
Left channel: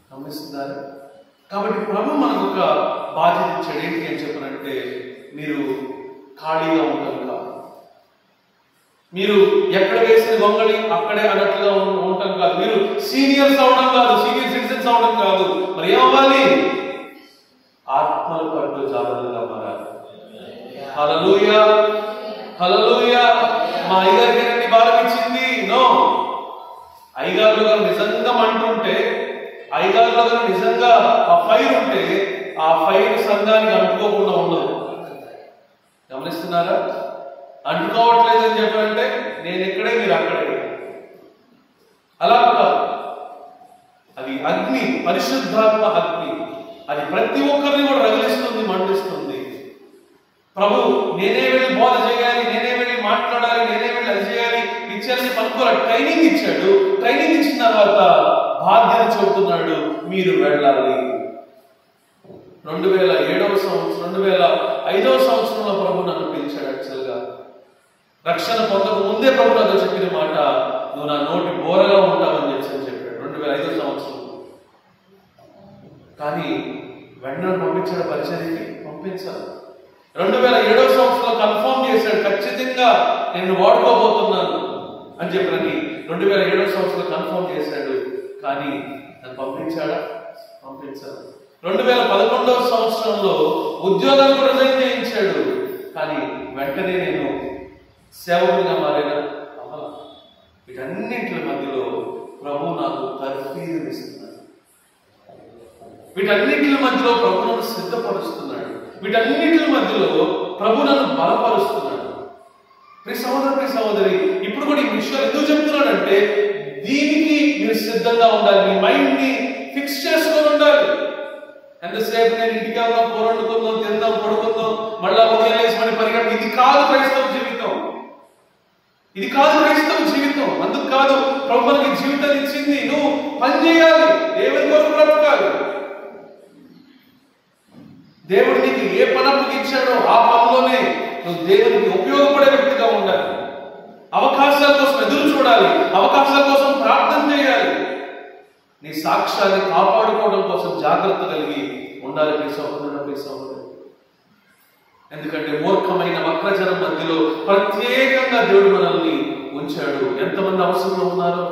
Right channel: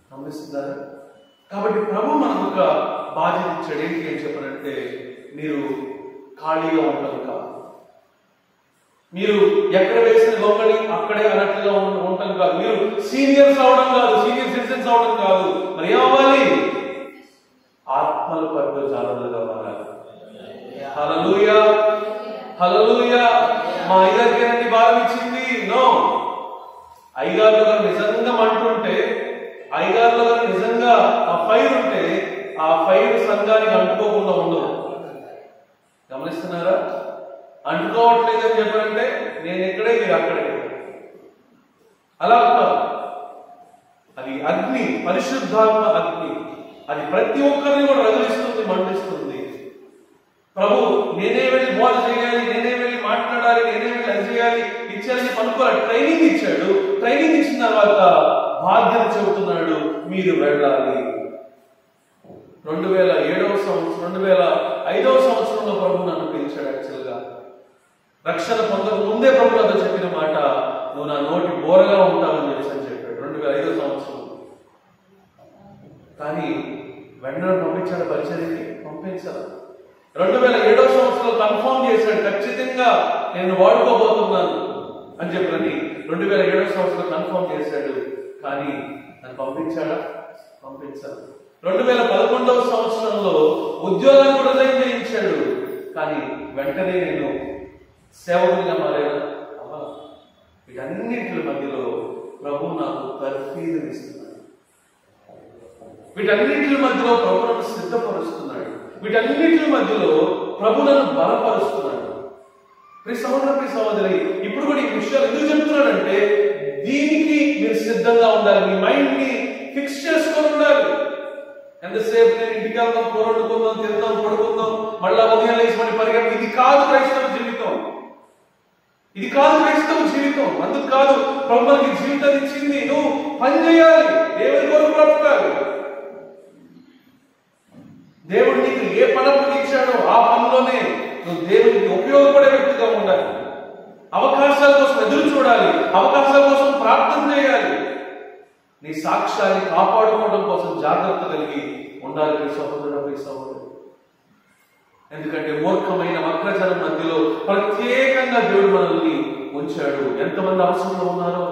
గమనిస్తున్నారు? కాబట్టి ప్రభు మనకు ఒక బాధ్యత ఇచ్చాడు. ఏంటి అని చెప్పనంటే, మీరు ఖాళీగా ఉండడం కాదు, మీరు ఎక్కడ వేసిన గొంగళి అక్కడే అన్నట్లుగా ఉండటం కాదు, మీరు సీనియర్స్ అవడం కాదు, సీనియర్ సిటిజన్స్ అవడం కాదు. మరి ఏమవ్వాలి? ఆత్మల పట్ల జాగ్రత్తగా మారాలి. హల్లెలూయా, హల్లెలూయా. మా అయ్యగారికి భారం ఇచ్చింది? నో. అయ్యగారులు గారు నిజంగా మంటుంటే, అయ్యగారులు గారు నిజంగా ఆ ఫైర్ ఉంటే, ఆ ఫైర్ సంఘానికి అంటుకోకుండా ఉండదు. గమనిస్తున్నారా? అంటుకోవట్లేదు అని చెప్పారంటే నేను ఎక్కడే మీరు అక్కడే. అలా కాదు. అది అగ్ని, పరిశుద్ధాత్మ అగ్ని. అది ప్రతి ఒక్కరిని కూడా రగిలిస్తుంది, మండిస్తుంది. ప్రభు నేనే వెళ్ళి బోధ చేయాలి, నేనే వెళ్ళి మాట్లాడాలి, నేనే వెళ్ళి అది చేయాలి, ఇచ్చారని అనుకోవాలి. ట్రైనింగ్ ఇచ్చాడు. ట్రైనింగ్ ఇచ్చిన తర్వాత బాధ్యత చెబుతున్నాడు, మీరు వెళ్ళాలి. 2007వ సంవత్సరం 2005వ సంవత్సరంలో ప్రభు నన్ను పిలిచాడు. యాక్చువల్గా రక్షణ పొందక ముందే ప్రభు నాతో చెప్పిన మాట, నువ్వు నా నోటి బోరగా ఉంటావని చెప్పాడు 2005వ సంవత్సరం. కానీ వెంటనే పంపించాడు, పరిచర్యకి పంపించాడు. 2007వ సంవత్సరంలో కన్ఫర్మ్ చేశాడు, ఖచ్చితంగా నేను వాడుకోబోతున్నాను అని చెప్పని 2007వ సంవత్సరంలో కన్ఫర్మ్ చేశాడు. కానీ నన్ను పంపించాడా? పంపించాడు. 2011వ సంవత్సరంలో ఉద్యోగాన్ని కూడా రిజైన్ చేయించాడు. కానీ వెంటనే నేను సేవకునిగా మారాను. వీటన్నింటి మధ్యలో ప్రభు నాకు తర్ఫీదునిస్తున్నాడు. వీటన్నింటి మధ్యలో ప్రభు నన్ను సిద్ధపరుస్తున్నాడు. వీటన్నింటి మధ్యలో ప్రభు నన్ను బలపరుస్తున్నాడు. ప్రియ సహోదరి, ఇప్పుడు కూడా ఈ విషయాలు ఎందుకు చెప్తున్నాడంటే, దీనికి మీరు సిద్ధంగా ఉండాలి. మీ మైండ్ ని ఫిక్స్ చేసుకొని ఉండాలి. ఎంతసేపు నేను ఇంటికి వెళ్దాం, కూరొండుకుందాం, తిందాం, పడుకుందాం, మళ్ళా ఉదయం లేచి మళ్ళీ పరిగెత్తం. ఇది కాదు క్రైస్తవ జీవితం. ఇది కాదు క్రైస్తవ జీవితం. అందుకు కాదు ప్రభు మనకి జీవితాన్ని ఇచ్చింది. నువ్వు పని చేయాలి, దేవుని కొరకు బ్రతకాలి. దేవుడు నీకు ఏ పనులకు ఇచ్చాడో ఆ పనిలోనే నువ్వు దేవునికి ఉపయోగపడే వ్యక్తిగా ఉండాలి. అవకాశాల కోసం ఎదురు చూడాలి, అవకాశాల కోసం ప్రార్థన చేయాలి. నీ సాక్ష్యాన్ని కాపాడుకోవడం కోసం జాగ్రత్త కలిగి ఉండాలి. ప్రియ సహోదరుడు. ఎందుకంటే మూర్ఖమైన వక్రజనం మధ్యలో ప్రత్యేకంగా దేవుడు మనల్ని ఉంచాడు. ఎంతమంది అవసరంలో ఉన్నారో,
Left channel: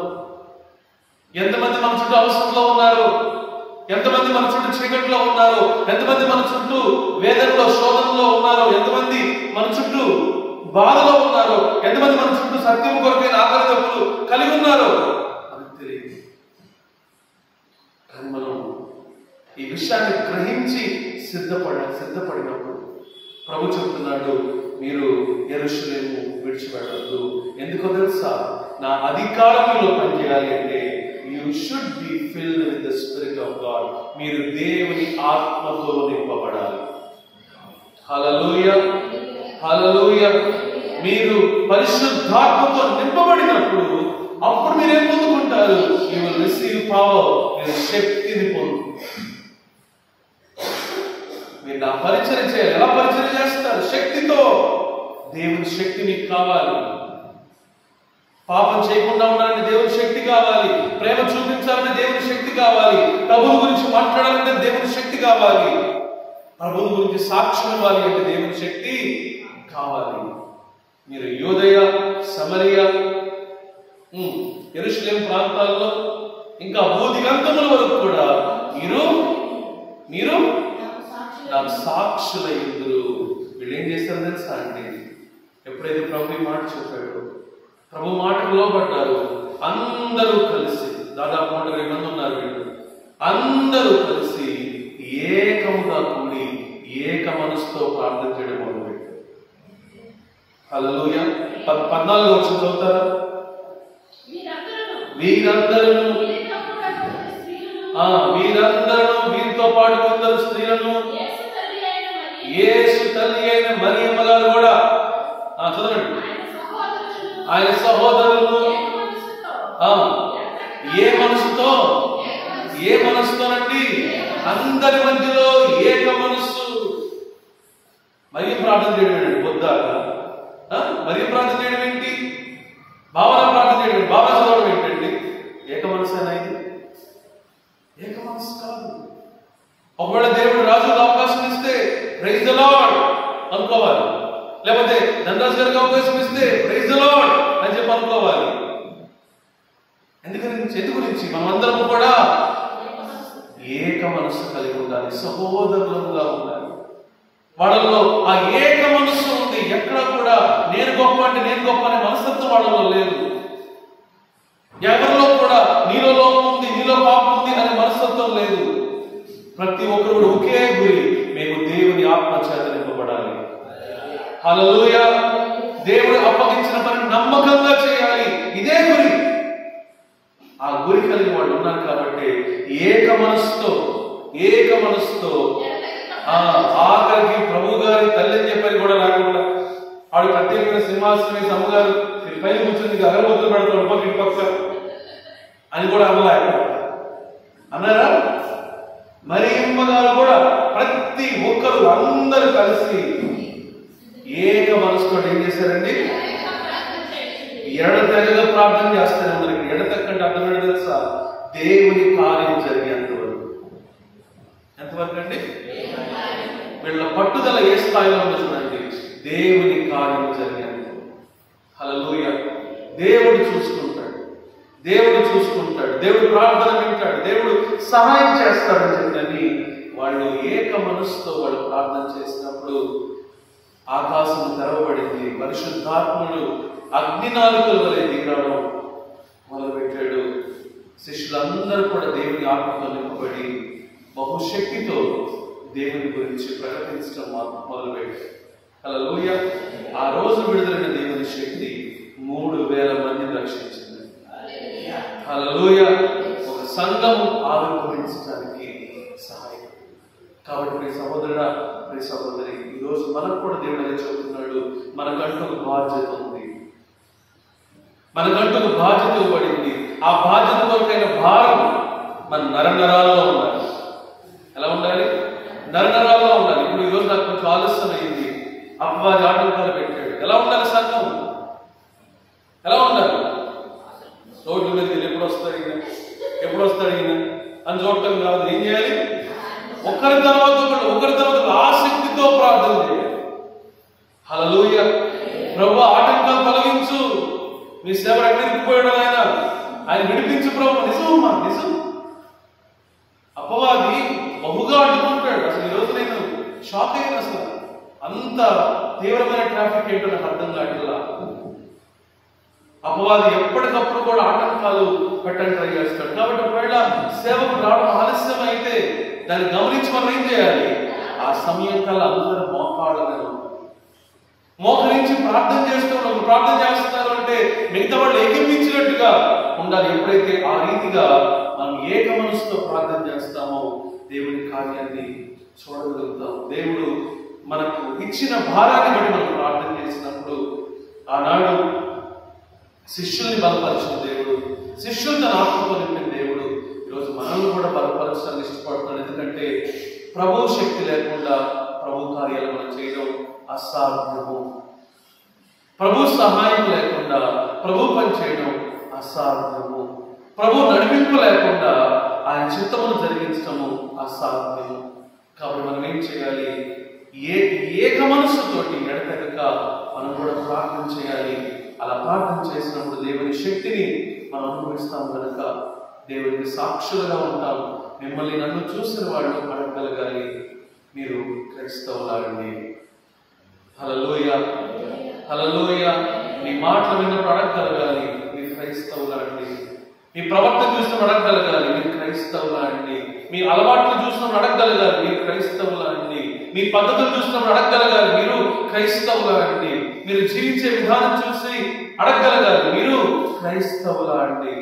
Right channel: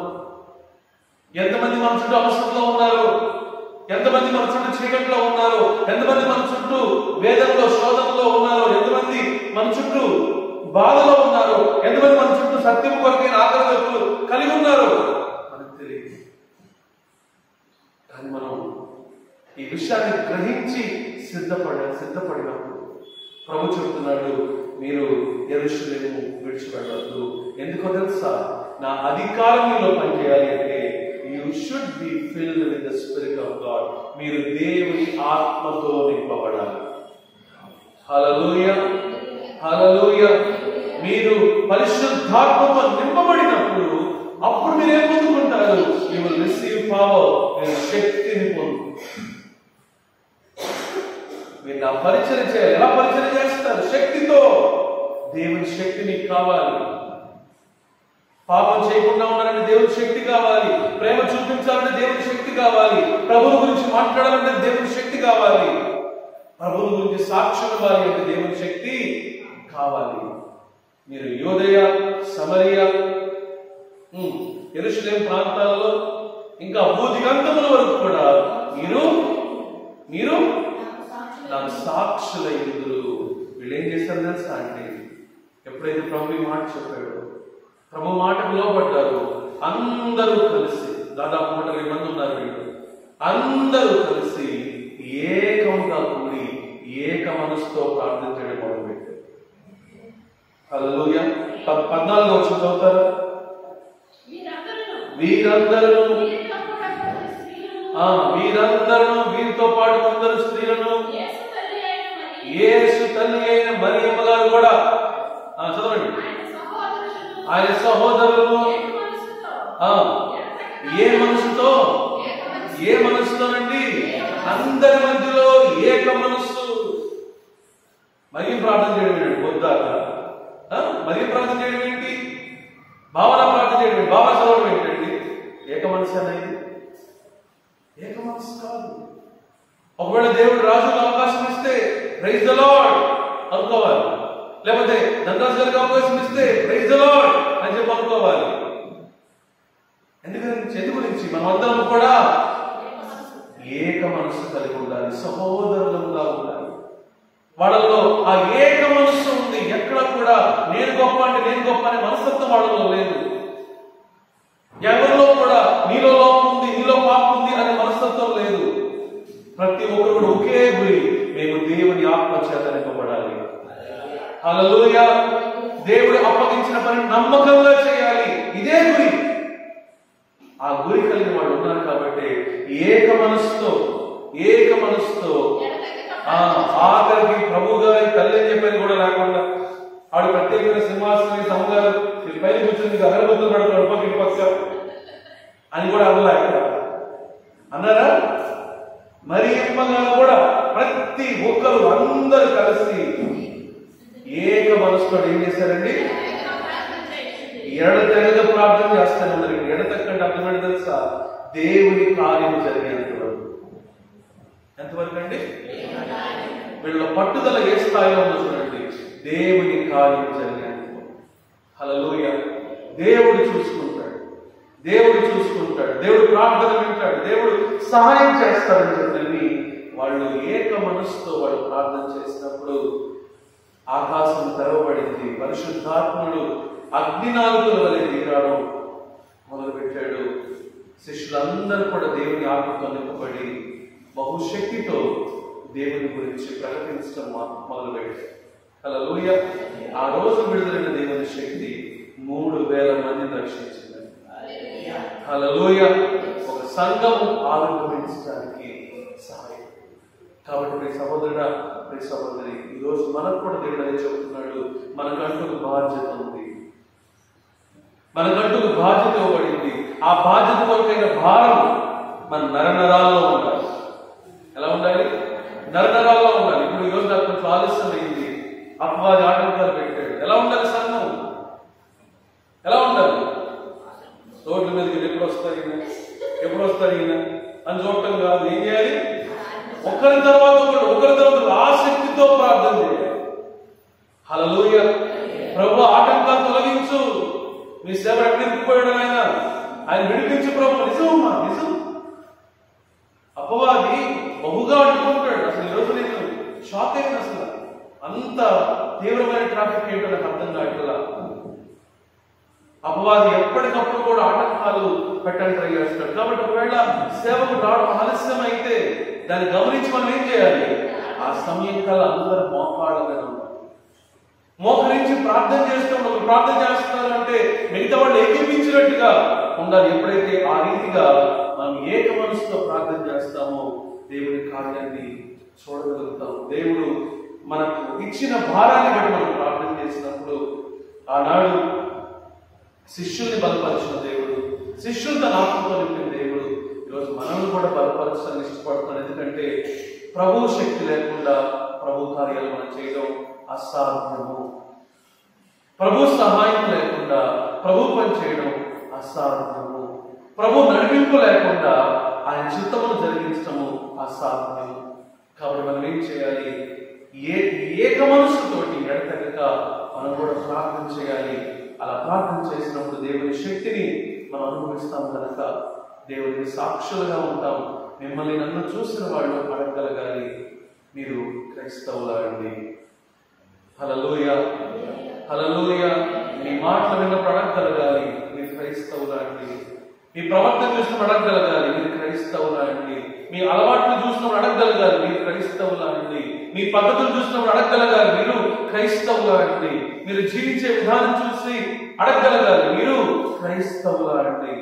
ఎంతమంది మన చుట్టూ అవసరంలో ఉన్నారో, ఎంతమంది మన చుట్టూ చీకట్లో ఉన్నారో, ఎంతమంది మన చుట్టూ వేదనలో, శోధనలో ఉన్నారో, ఎంతమంది మన చుట్టూ బాధలో ఉన్నారో, ఎంతమంది మన చుట్టూ సత్యం కొరకైన ఆగ్రహకులు కలిగి ఉన్నారో మనకు తెలియదు. కానీ మనం ఈ విషయాన్ని గ్రహించి సిద్ధపడినప్పుడు ప్రభు చెప్తున్నాడు, మీరు యెరూషలేము విడిచిపెట్టద్దు. ఎందుకో తెలుసా? నా అధికారం మీలో పనిచేయాలి అంటే you should be filled with the spirit of God. మీరు దేవుని ఆత్మతో నింపబడాలి. హల్లెలూయా, హల్లెలూయా. మీరు పరిశుద్ధాత్మతో నింపబడినప్పుడు అప్పుడు మీరు ఏం పొందుకుంటారు? You will receive power. మీరు శక్తిని పొందుతారు. మీరు నా పరిచయం చేయాలి. ఎలా పరిచయం చేస్తారు? శక్తితో. దేవుని శక్తి మీకు కావాలి. పాపం చేయకుండా ఉండాలంటే దేవుని శక్తి కావాలి. ప్రేమ చూపించాలంటే దేవుని శక్తి కావాలి. ప్రభువు గురించి మాట్లాడాలంటే దేవుని శక్తి కావాలి. ప్రభువు గురించి సాక్ష్యం ఇవ్వాలి అంటే దేవుని శక్తి కావాలి. మీరు యోదయ, సమరయ, యెరూషలేము ప్రాంతాల్లో ఇంకా భూదిగంతముల వరకు కూడా మీరు నాకు సాక్షులయ్యుందురు. వీళ్ళు ఏం చేస్తారు తెలుసా అండి? ఎప్పుడైతే ప్రభు ఈ మాట చెప్పాడు, ప్రభు మాటకు లోబడ్డారు, అందరూ కలిసి దాదాపు 120 మంది ఉన్నారు. వీళ్ళు అందరూ కలిసి ఏకముగా కూడి ఏక మనసుతో ప్రార్థన చేయడం మొదలుపెట్టారు. హల్లెలూయా. 14 వచ్చి చదువుతారా? వీరందరూ వీరితో పాటు కొందరు స్త్రీలను, యేసు తల్లి అయిన మరియమ్మ గారు కూడా, చదవండి, ఆయన సహోదరులను ఏ మనసుతోనండి? అందరి మధ్యలో ఏక మనస్సు. మరి ప్రార్థన చేయడం ఏంటి? పొద్దాక మరి ప్రార్థన చేయడం ఏంటి? భావన ప్రార్థన చేయడం ఏంటి? భావన చదవడం ఏంటండి? ఏక మనసేనా ఇది? ఏక మనసు కాదు. ఒకవేళ దేవుడు రాజుకు అవకాశం ఇస్తే ప్రైజ్ ద లార్డ్ అనుకోవాలి. లేకపోతే ధనరాజు గారికి అవకాశం ఇస్తే ప్రైజ్ ద లార్డ్ అని చెప్పి అనుకోవాలి. ఎందు గురించి మనం అందరం కూడా ఏక మనస్సు కలిగి ఉండాలి. సహోదరులుగా ఉండాలి. వాళ్ళలో ఆ ఏక మనస్సు ఉంది. ఎక్కడ కూడా నేను గొప్ప అంటే నేను గొప్ప అనే మనస్తత్వం వాళ్ళలో లేదు. ఎవరిలో కూడా నీలో లోపం ఉంది, నీలో పాపం ఉంది అనే మనస్తత్వం లేదు. ప్రతి ఒక్కరు కూడా ఒకే గురి, మేము దేవుని ఆత్మ చేత నింపబడాలి. హల్లెలూయా. దేవుడు అప్పగించిన పని నమ్మకంగా చేయాలి. ఇదే గురి. ఆ గురి కలిగిన వాళ్ళు ఉన్నారు కాబట్టి ఏక మనస్సుతో ఆఖరికి ప్రభు గారి తల్లి అని చెప్పని కూడా రాకుండా ఆడు ప్రత్యేకమైన సింహాసనం సమ్మగారు పైన కూర్చొని అగరబత్తులు పెడతాడు పక్క పక్క అని కూడా అవ్వలే అన్నారా? మరియమ్మ గారు కూడా ప్రతి ఒక్కరు అందరూ కలిసి ఏక మనసుతో ఏం చేశారండి? ఎడతెగక ప్రార్థన చేస్తారు. అందరికి ఎడతెక్కంటే అర్థమైన తెలుసా? దేవుని కార్యం జరిగేంత వరకు. ఎంతవరకు అండి? వీళ్ళ పట్టుదల ఏ స్థాయిలో ఉందో చూడండి. దేవుని కార్యం జరిగేంత. హల్లెలూయా. దేవుడు చూసుకుంటాడు. దేవుడు ప్రార్థన వింటాడు. దేవుడు సహాయం చేస్తాడని చెప్పని వాళ్ళు ఏక మనసుతో వాళ్ళు ప్రార్థన చేసినప్పుడు ఆకాశం తెరవబడింది. పరిశుద్ధాత్ముడు అగ్నినాలుకల వలె దిగడం మొదలుపెట్టాడు. శిష్యులందరూ కూడా దేవుని ఆత్మతో నింపబడి బహుశక్తితో దేవుని గురించి ప్రకటించడం మొదలుపెట్టారు. హల్లెలూయా. ఆ రోజు విడుదలైన దేవుని శక్తి 3000 మందిని రక్షించింది. హల్లెలూయా. ఒక సంఘము ఆవిర్భవించడానికి సహాయం. కాబట్టి ప్రియ సహోదరుడా, ప్రియ సహోదరి, ఈరోజు మనకు కూడా దేవుడు అదే చెబుతున్నాడు. మనకంటూ ఒక బాధ్యత ఉంది. మనకంటూ ఒక బాధ్యత ఇవ్వబడింది. ఆ బాధ్యత కొరకైన భారం మన నరనరాల్లో ఉండాలి. ఎలా ఉండాలి? నరనరాల్లో ఉండాలి. ఇప్పుడు ఈరోజు నాకు కొంచెం ఆలస్యం అయింది, అపవాది ఆటంకాలు పెట్టాడు. ఎలా ఉండాలి సంఘం? ఎలా ఉండాలి? రోడ్ల మీదకి ఎప్పుడు వస్తాడు ఈయన అని చూడటం కాదు. ఏం చేయాలి? ఒకరి తర్వాత ఆసక్తితో ప్రార్థన చేయాలి. హల్లెలూయా. ప్రభు ఆటంకాలు తొలగించు. మీ సేవ ఎక్కడిపోయాడు ఆయన విడిపించు ప్రభు. నిజమమ్మా, నిజం. అపవాది బహుగా అడ్డుకుంటాడు. అసలు ఈరోజు నేను షాక్ అయిన అసలు అంత తీవ్రమైన ట్రాఫిక్ ఏంటో నాకు అర్థం కావట్లా. అపవాది ఎప్పటికప్పుడు కూడా ఆటంకాలు పెట్టని ట్రై చేస్తాడు. కాబట్టి ఒకవేళ సేవకు రావడం ఆలస్యం అయితే దాన్ని గమనించి మనం ఏం చేయాలి? ఆ సమయం కల్లా అందరూ మోకాళ్ళను మోకరించి ప్రార్థన చేస్తున్నారు. ప్రార్థన చేస్తున్నారు అంటే మిగతా వాళ్ళు ఏకీపించినట్టుగా ఉండాలి. ఎప్పుడైతే ఆ రీతిగా మనం ఏక మనసుతో ప్రార్థన చేస్తామో దేవుని కార్యాన్ని చూడగలుగుతాం. దేవుడు మనకు ఇచ్చిన భారాన్ని బట్టి మనం ప్రార్థన చేసినప్పుడు ఆనాడు శిష్యుల్ని బలపరిచిన దేవుడు, శిష్యులు తన ఆత్మతో నింపిన దేవుడు ఈరోజు మనల్ని కూడా బలపరచాలని ఇష్టపడుతున్నాడు. ఎందుకంటే ప్రభు శక్తి లేకుండా ప్రభు కార్యాలు మనం చేయడం అసాధ్యము. ప్రభు సహాయం లేకుండా ప్రభు పని చేయడం అసాధ్యము. ప్రభు నడిపింపు లేకుండా ఆయన చిత్తమును జరిగించడము అసాధ్యము. కాబట్టి మనం ఏం చేయాలి? ఏక మనస్సుతోటి ఎడతెగక మనం కూడా ప్రార్థన చేయాలి. అలా ప్రార్థన చేసినప్పుడు దేవుని శక్తిని మనం అనుభవిస్తాం కనుక దేవునికి సాక్షులుగా ఉంటాం. మిమ్మల్ని నన్ను చూసిన వాళ్ళు అడగగలగాలి, మీరు క్రైస్తవులారండి. హల్లెలూయా, హల్లెలూయా. మీ మాటలు విన్నప్పుడు అడగగలగాలి, మీరు క్రైస్తవులాండి. మీ ప్రవర్తన చూసినప్పుడు అడగగలగాలి, మీరు క్రైస్తవులాండి. మీ అలవాట్లు చూసినప్పుడు అడగగలగాలి, మీరు క్రైస్తవులాండి. మీ పద్ధతులు చూసినప్పుడు అడగగలగాలి, మీరు క్రైస్తవులాండి. మీరు జీవించే విధానం చూసి అడగగలగాలి, మీరు క్రైస్తవులాండి.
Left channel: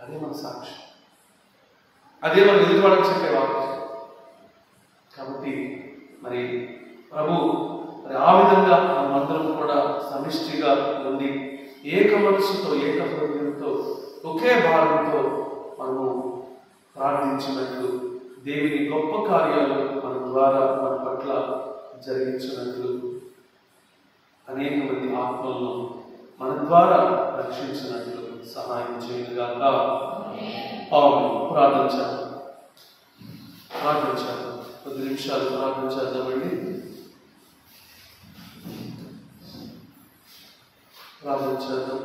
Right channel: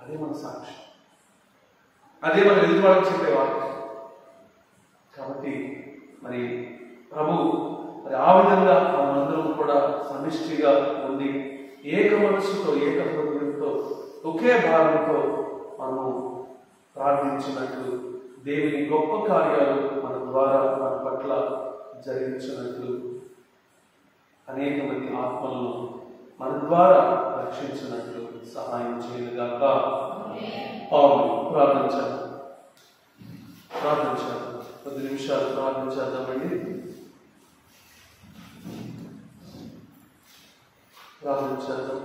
అదే మన సాక్ష్యం, అదే మన ఎదుటివాళ్ళకి చెప్పే వాక్యం. కాబట్టి మరి ప్రభు మరి ఆ విధంగా మనమందరం కూడా సమిష్టిగా ఉండి ఏక మనసుతో ఏక హృదయంతో ఒకే భారంతో మనము ప్రార్థించినట్లు దేవుని గొప్ప కార్యాలు మన ద్వారా మన పట్ల జరిగించినట్లు అనేక మంది ఆత్మలను మన ద్వారా రక్షించినట్లు సహాయం చేయగాక. పౌలు ప్రార్థించాలి. కొద్ది నిమిషాలు ప్రార్థించేద్దామండి. ప్రార్థించేద్దాం.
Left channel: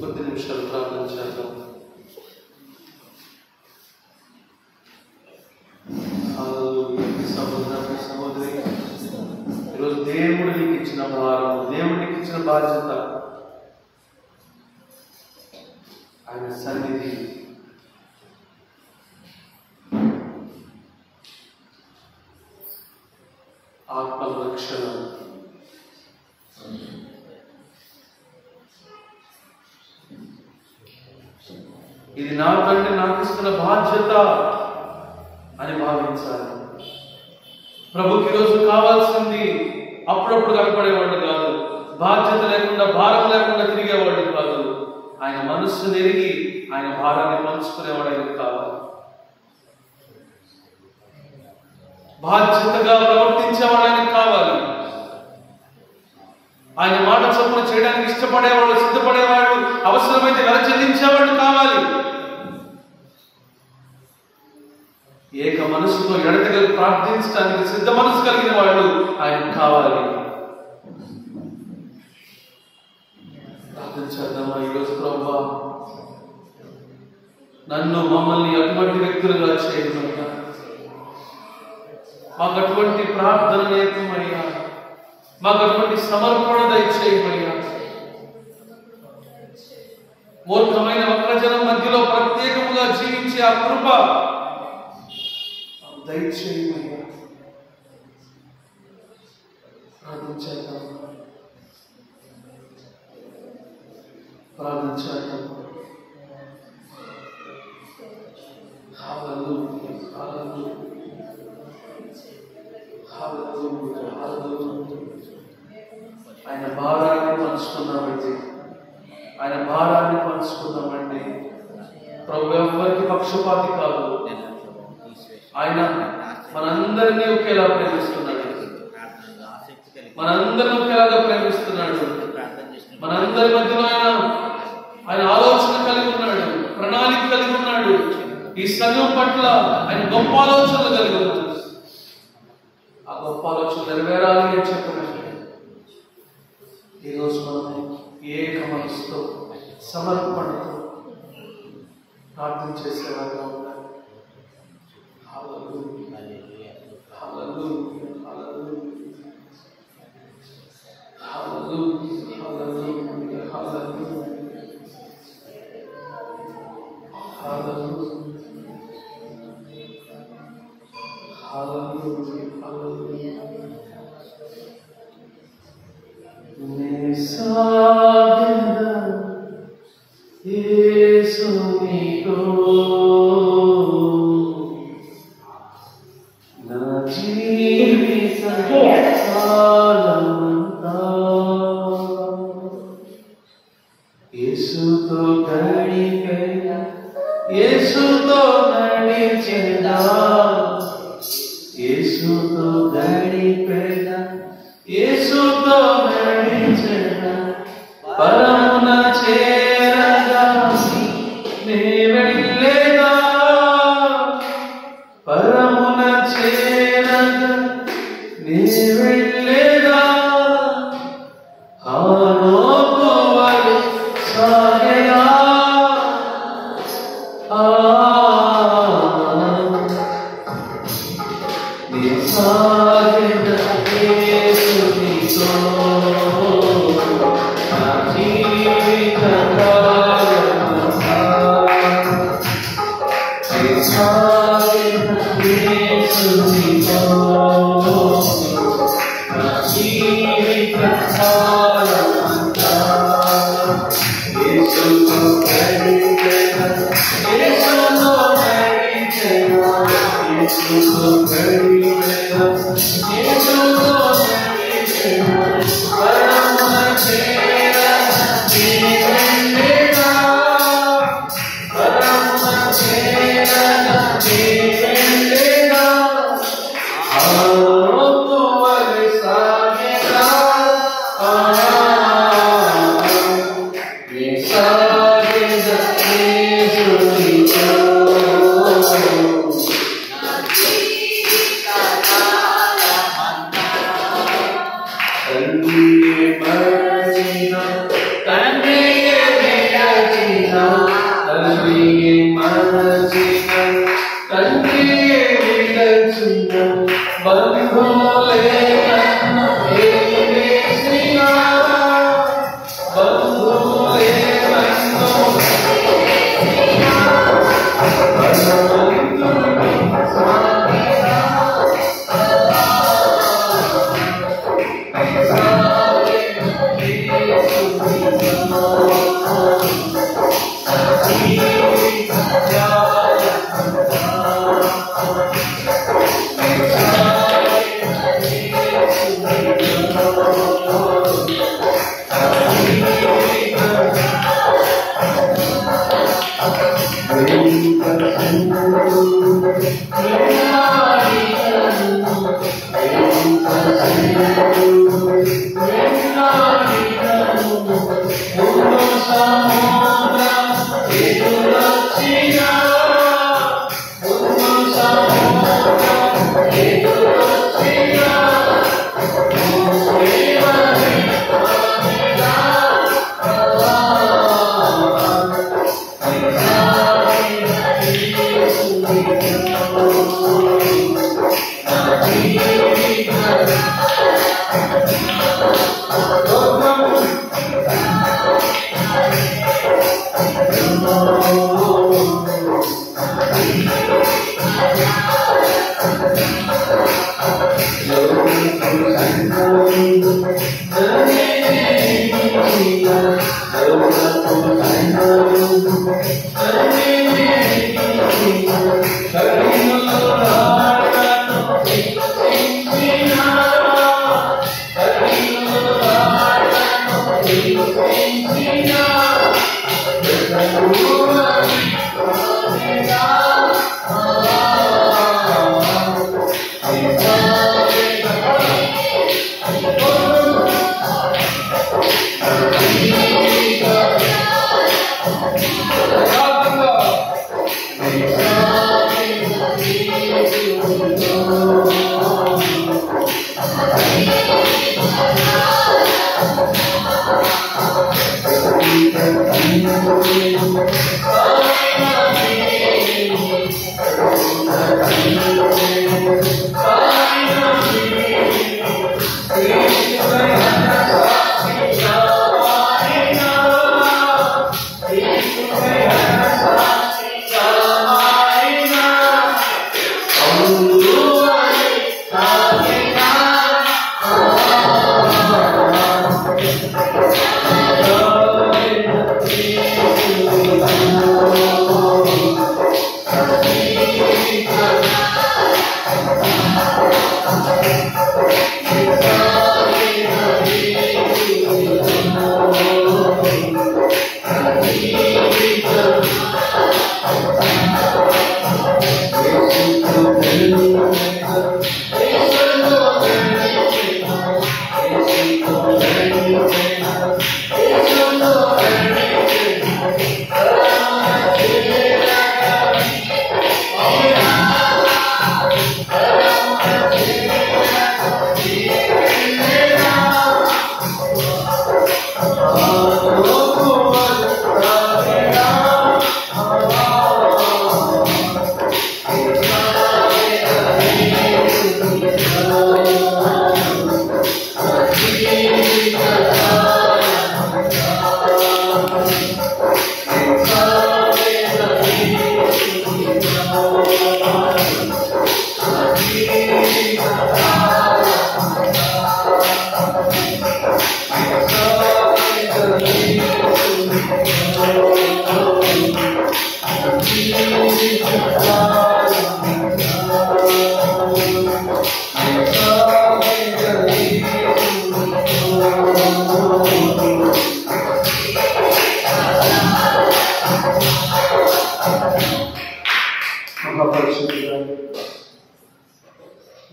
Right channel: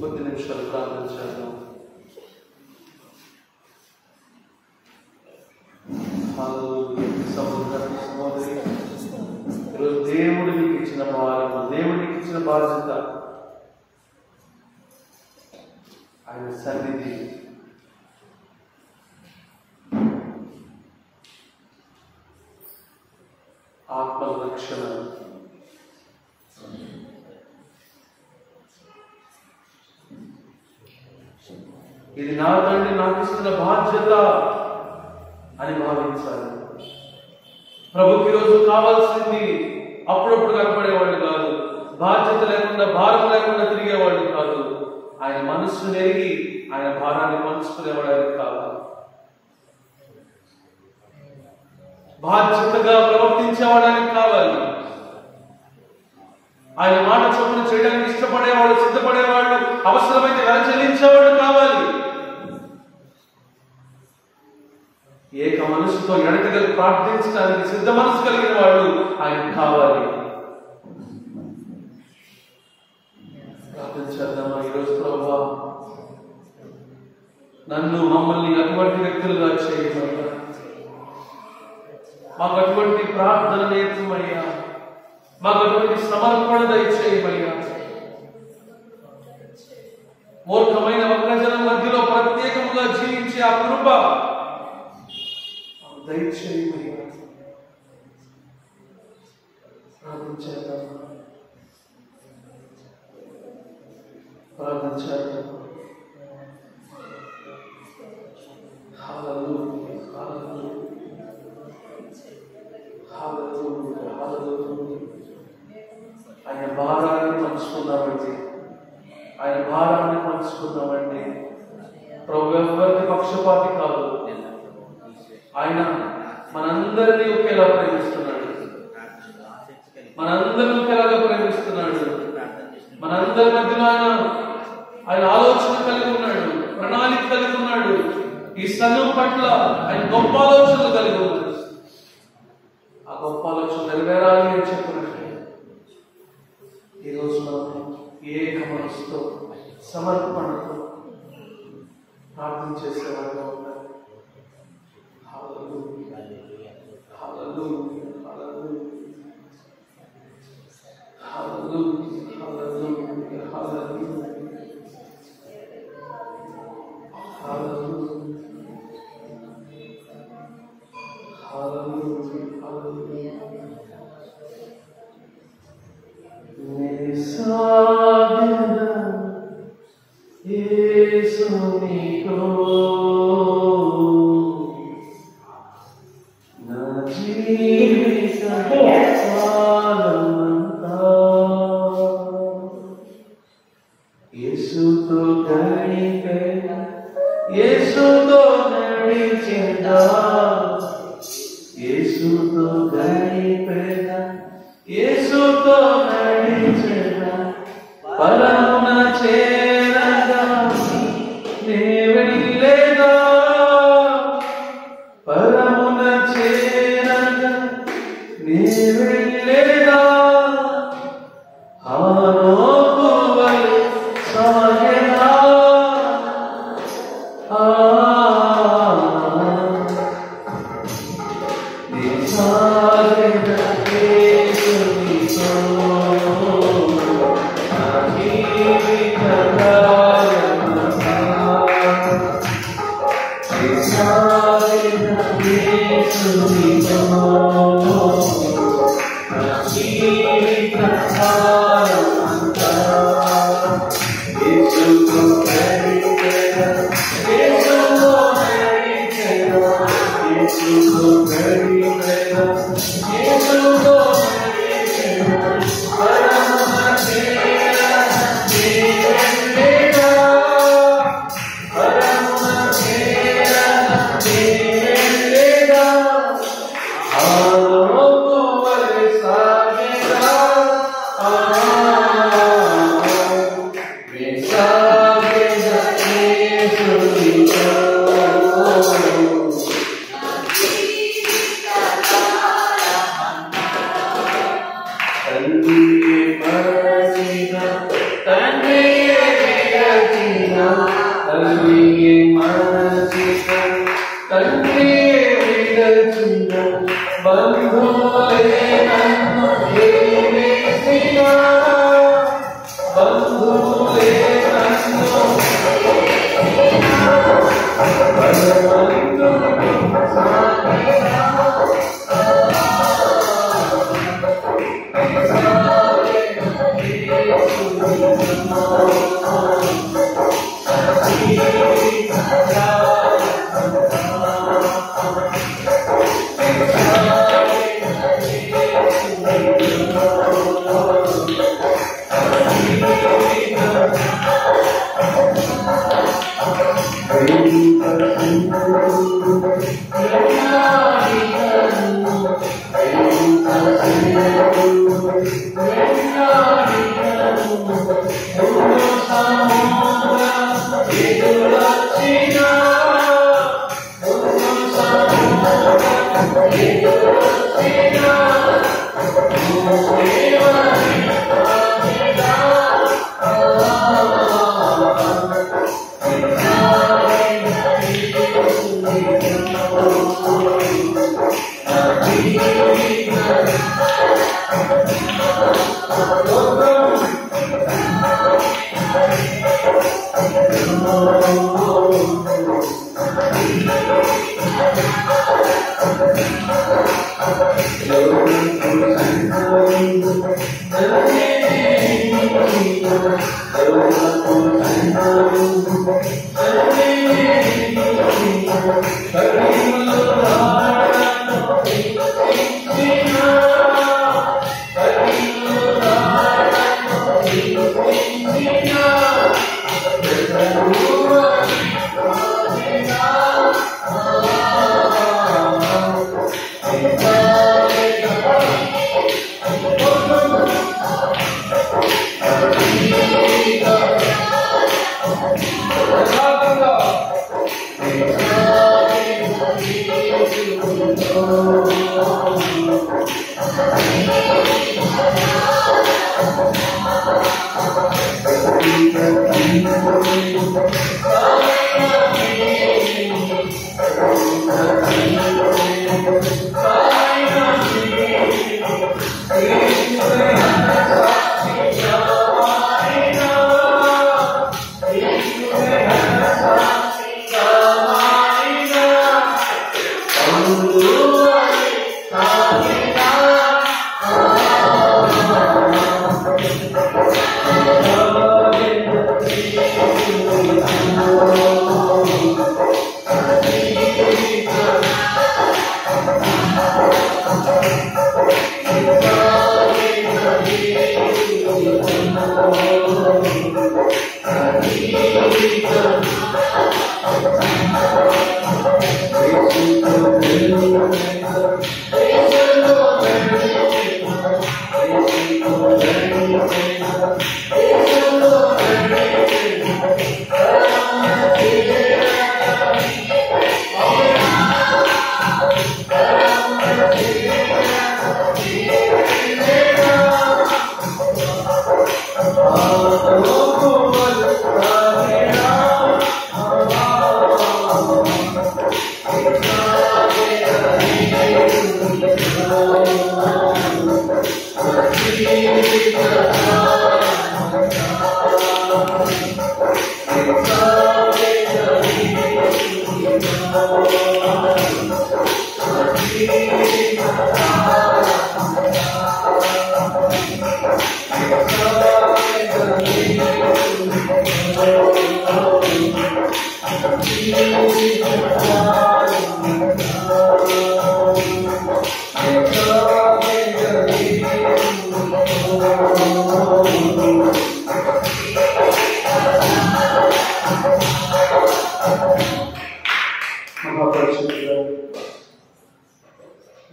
కొద్ది నిమిషాలు ప్రార్థన చేద్దాం. సహోదరి, ఈరోజు దేవుడు నీకు ఇచ్చిన భారం, దేవుడు నీకు ఇచ్చిన బాధ్యత, ఆయన సన్నిధి, ఆత్మ రక్షణ, ఇది నా తండ్రి నాకు ఇస్తున్న బాధ్యత అని భావించాలి. ప్రభుకి రోజు కావాల్సింది అప్పుడప్పుడు కనపడేవాళ్ళు కాదు, బాధ్యత లేకుండా భారం లేకుండా తిరిగేవాళ్ళు కాదు. ఆయన మనస్సు నెరిగి ఆయన భారాన్ని పంచుకునేవాడు ఆయనకు కావాలి. బాధ్యతగా ప్రవర్తించేవాడు ఆయనకు కావాలి. ఆయన మాట చొప్పున చేయడానికి ఇష్టపడేవాళ్ళు, సిద్ధపడేవాళ్ళు, అవసరమైతే వెల చెల్లించేవాళ్ళు కావాలి. ఏక మనసుతో ఎడతెగ ప్రార్థించడానికి సిద్ధ మనసు కలిగిన వాళ్ళు ఆయనకు కావాలి. ప్రార్థించేద్దామా ఈరోజు? ప్రభువా, నన్ను మమ్మల్ని అటువంటి వ్యక్తులుగా చేయమయ్యా, మాకు అటువంటి ప్రార్థన నేర్పమయ్యా, మాకు అటువంటి సమర్పణ దయచేయమయ్యా. మూర్ఖమైన వక్రజనం మధ్యలో ప్రత్యేకముగా జీవించే ఆ కృప దయచేయమయ్యా. ప్రార్థించేద్దాం. హల్లెలూయా, హల్లెలూయా, హల్లెలూయా. ఆయన భారాన్ని పంచుకున్నామండి, ఆయన భారాన్ని పంచుకున్నామండి. ప్రభు ఎవరికి పక్షపాతి కాదు. ఆయన మనందరినీ ఒకేలా ప్రేమిస్తున్నాడు, మనందరినీ ఒకేలాగా ప్రేమిస్తున్నాడు. మనందరి మధ్యలో ఆయన ఆలోచన కలిగి ఉన్నాడు, ప్రణాళిక కలిగి ఉన్నాడు. ఈ సంఘం పట్ల ఆయన గొప్ప ఆలోచనలు కలిగి ఉన్నాడు. ఆ గొప్ప ఆలోచన నెరవేరాలి అని చెప్పినట్టు ఈరోజు మనం ఏక మనసుతో సమర్పణతో ప్రార్థన చేసేవారుగా ఉన్నారు. యేసునితో నా జీవిత కాలమంతా యేసుతో గడిపెదా, యేసుతో నడిచెదా, యేసుతో గడిపెదా, యేసుతో నడిచెదా, పరమున చేరగా నే వెళ్ళేదా, పరమున చేరగా నే వెళ్ళేదా, ఆరోపు వలె సాగెదా, నే సాగెదా యేసునితో నా జీవిత కాలమంతా, నే సాగెదా యేసునితో నా జీవిత కాలమంతా, యేసుతో గడిపెదా, యేసుతో నడిచెదా, యేసుతో గడిపెదా, యేసుతో నడిచెదా, పరమున చేరగా నే వెళ్ళేదా, పరమున చేరగా నే వెళ్ళేదా, ఆరోపు వలె సాగెదా, నే సాగెదా యేసునితో తండ్రియే మరచిన, తండ్రియే విరచిన, తండ్రియే మరచిన, తండ్రియే విరచిన, బంధువులే నన్ను ఏలేసిన, బంధువులే నన్ను Thank you.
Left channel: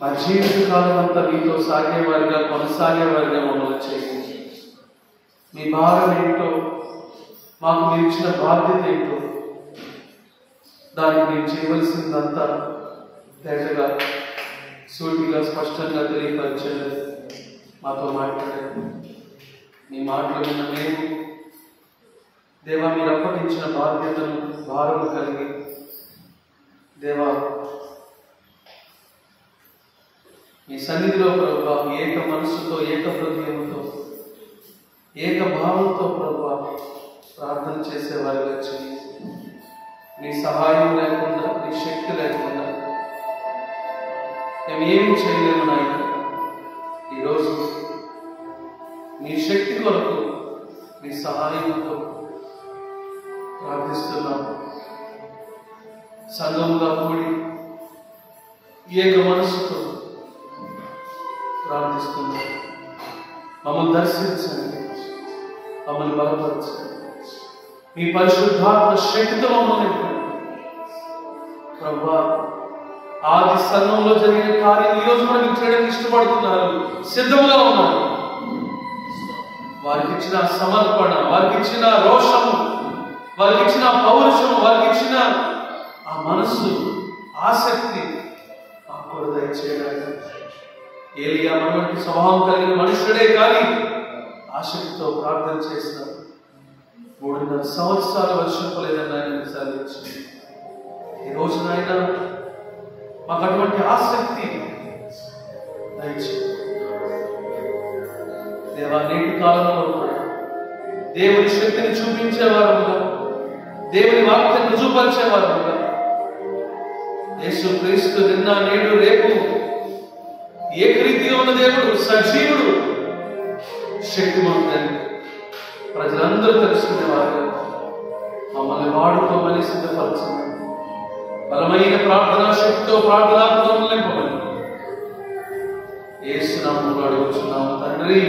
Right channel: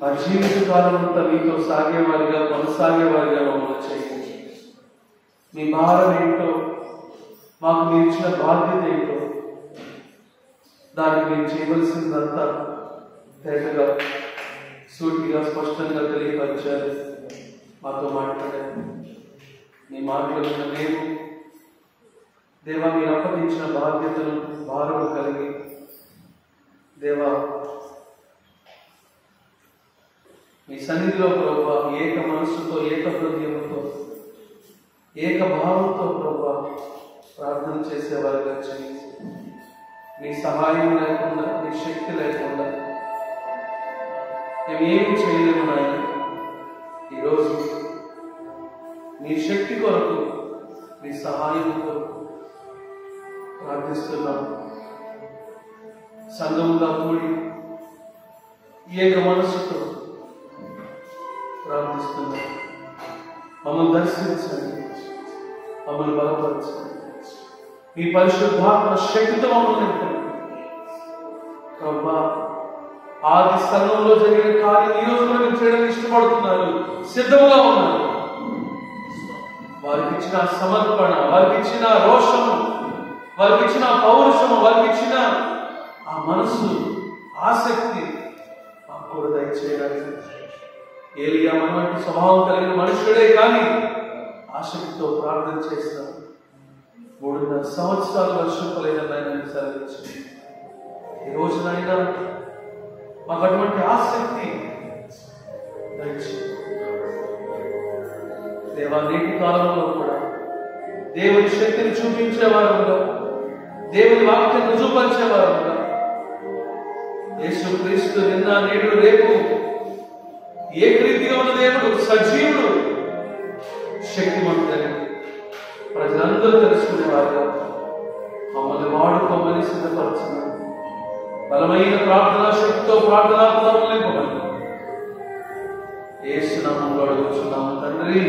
మా జీవిత కాలం అంతా మీతో సాగేవారిగా కొనసాగేవారిగా మమ్మల్ని చేయండి. మీ భారం ఏంటో, మాకు మీరు ఇచ్చిన బాధ్యత ఏంటో, దానికి మీరు చేయవలసిందంతా తేటగా సూటిగా స్పష్టంగా తెలియపరిచారు. మాతో మాట్లాడారు. మీ మాటలు విన్న మేము దేవా మీరు అప్పగించిన బాధ్యతను భారము కలిగి దేవా మీ సన్నిధిలో ప్రభువా ఏక మనస్సుతో ఏక హృదయంతో ఏక భావంతో ప్రభువా ప్రార్థన చేసేవారుగా చేయి. నీ సహాయం లేకుండా నీ శక్తి లేకుండా మేము ఏమి చేయలేము నాయన. ఈరోజు నీ శక్తి కొరకు నీ సహాయంతో ప్రార్థిస్తున్నాం. సంఘముగా కూడి ఏక మనస్సుతో ప్రార్థిస్తున్నాం. మమ్మల్ని దర్శించండి, మమ్మల్ని బలపరచండి. మీ పరిశుద్ధాత్మ శక్తితో మమ్మల్ని నింపండి ప్రభువా. ఆది సంఘంలో జరిగిన కార్యం ఈ రోజు కూడా మీరు చేయడానికి ఇష్టపడుతున్నారు, సిద్ధంగా ఉన్నారు. వారికి ఇచ్చిన సమర్పణ, వారికి ఇచ్చిన రోషము, వారికి ఇచ్చిన పౌరుషము, వారికి ఇచ్చిన ఆ మనస్సు, ఆసక్తి మాకు కూడా దయచేయడానికి. ఏలియా మనవంటి స్వభావం కలిగిన మనుషుడే కానీ ఆసక్తితో ప్రార్థన చేసిన 3.5 సంవత్సరాలు వర్షింపలేదని ఆయన సెలవించింది. ఈ రోజు నాయన మాకు అటువంటి ఆసక్తి దయచేయండి దేవా. నేటి కాలంలో కూడా దేవుని శక్తిని చూపించేవారుగా, దేవుని వాక్యం రుజుపరిచేవారుగా, యేసు క్రీస్తు నిన్న నేడు రేపు ఏకరీతిగా ఉన్న దేవుడు, సజీవుడు, శక్తిమంతుడని ప్రజలందరూ తెలుసుకునేవారుగా మమ్మల్ని వాడుకోమని సిద్ధపరచండి. బలమైన ప్రార్థనా శక్తితో ప్రార్థనా నింపమని యేసు నామములో అడుగుచున్నాము తండ్రి.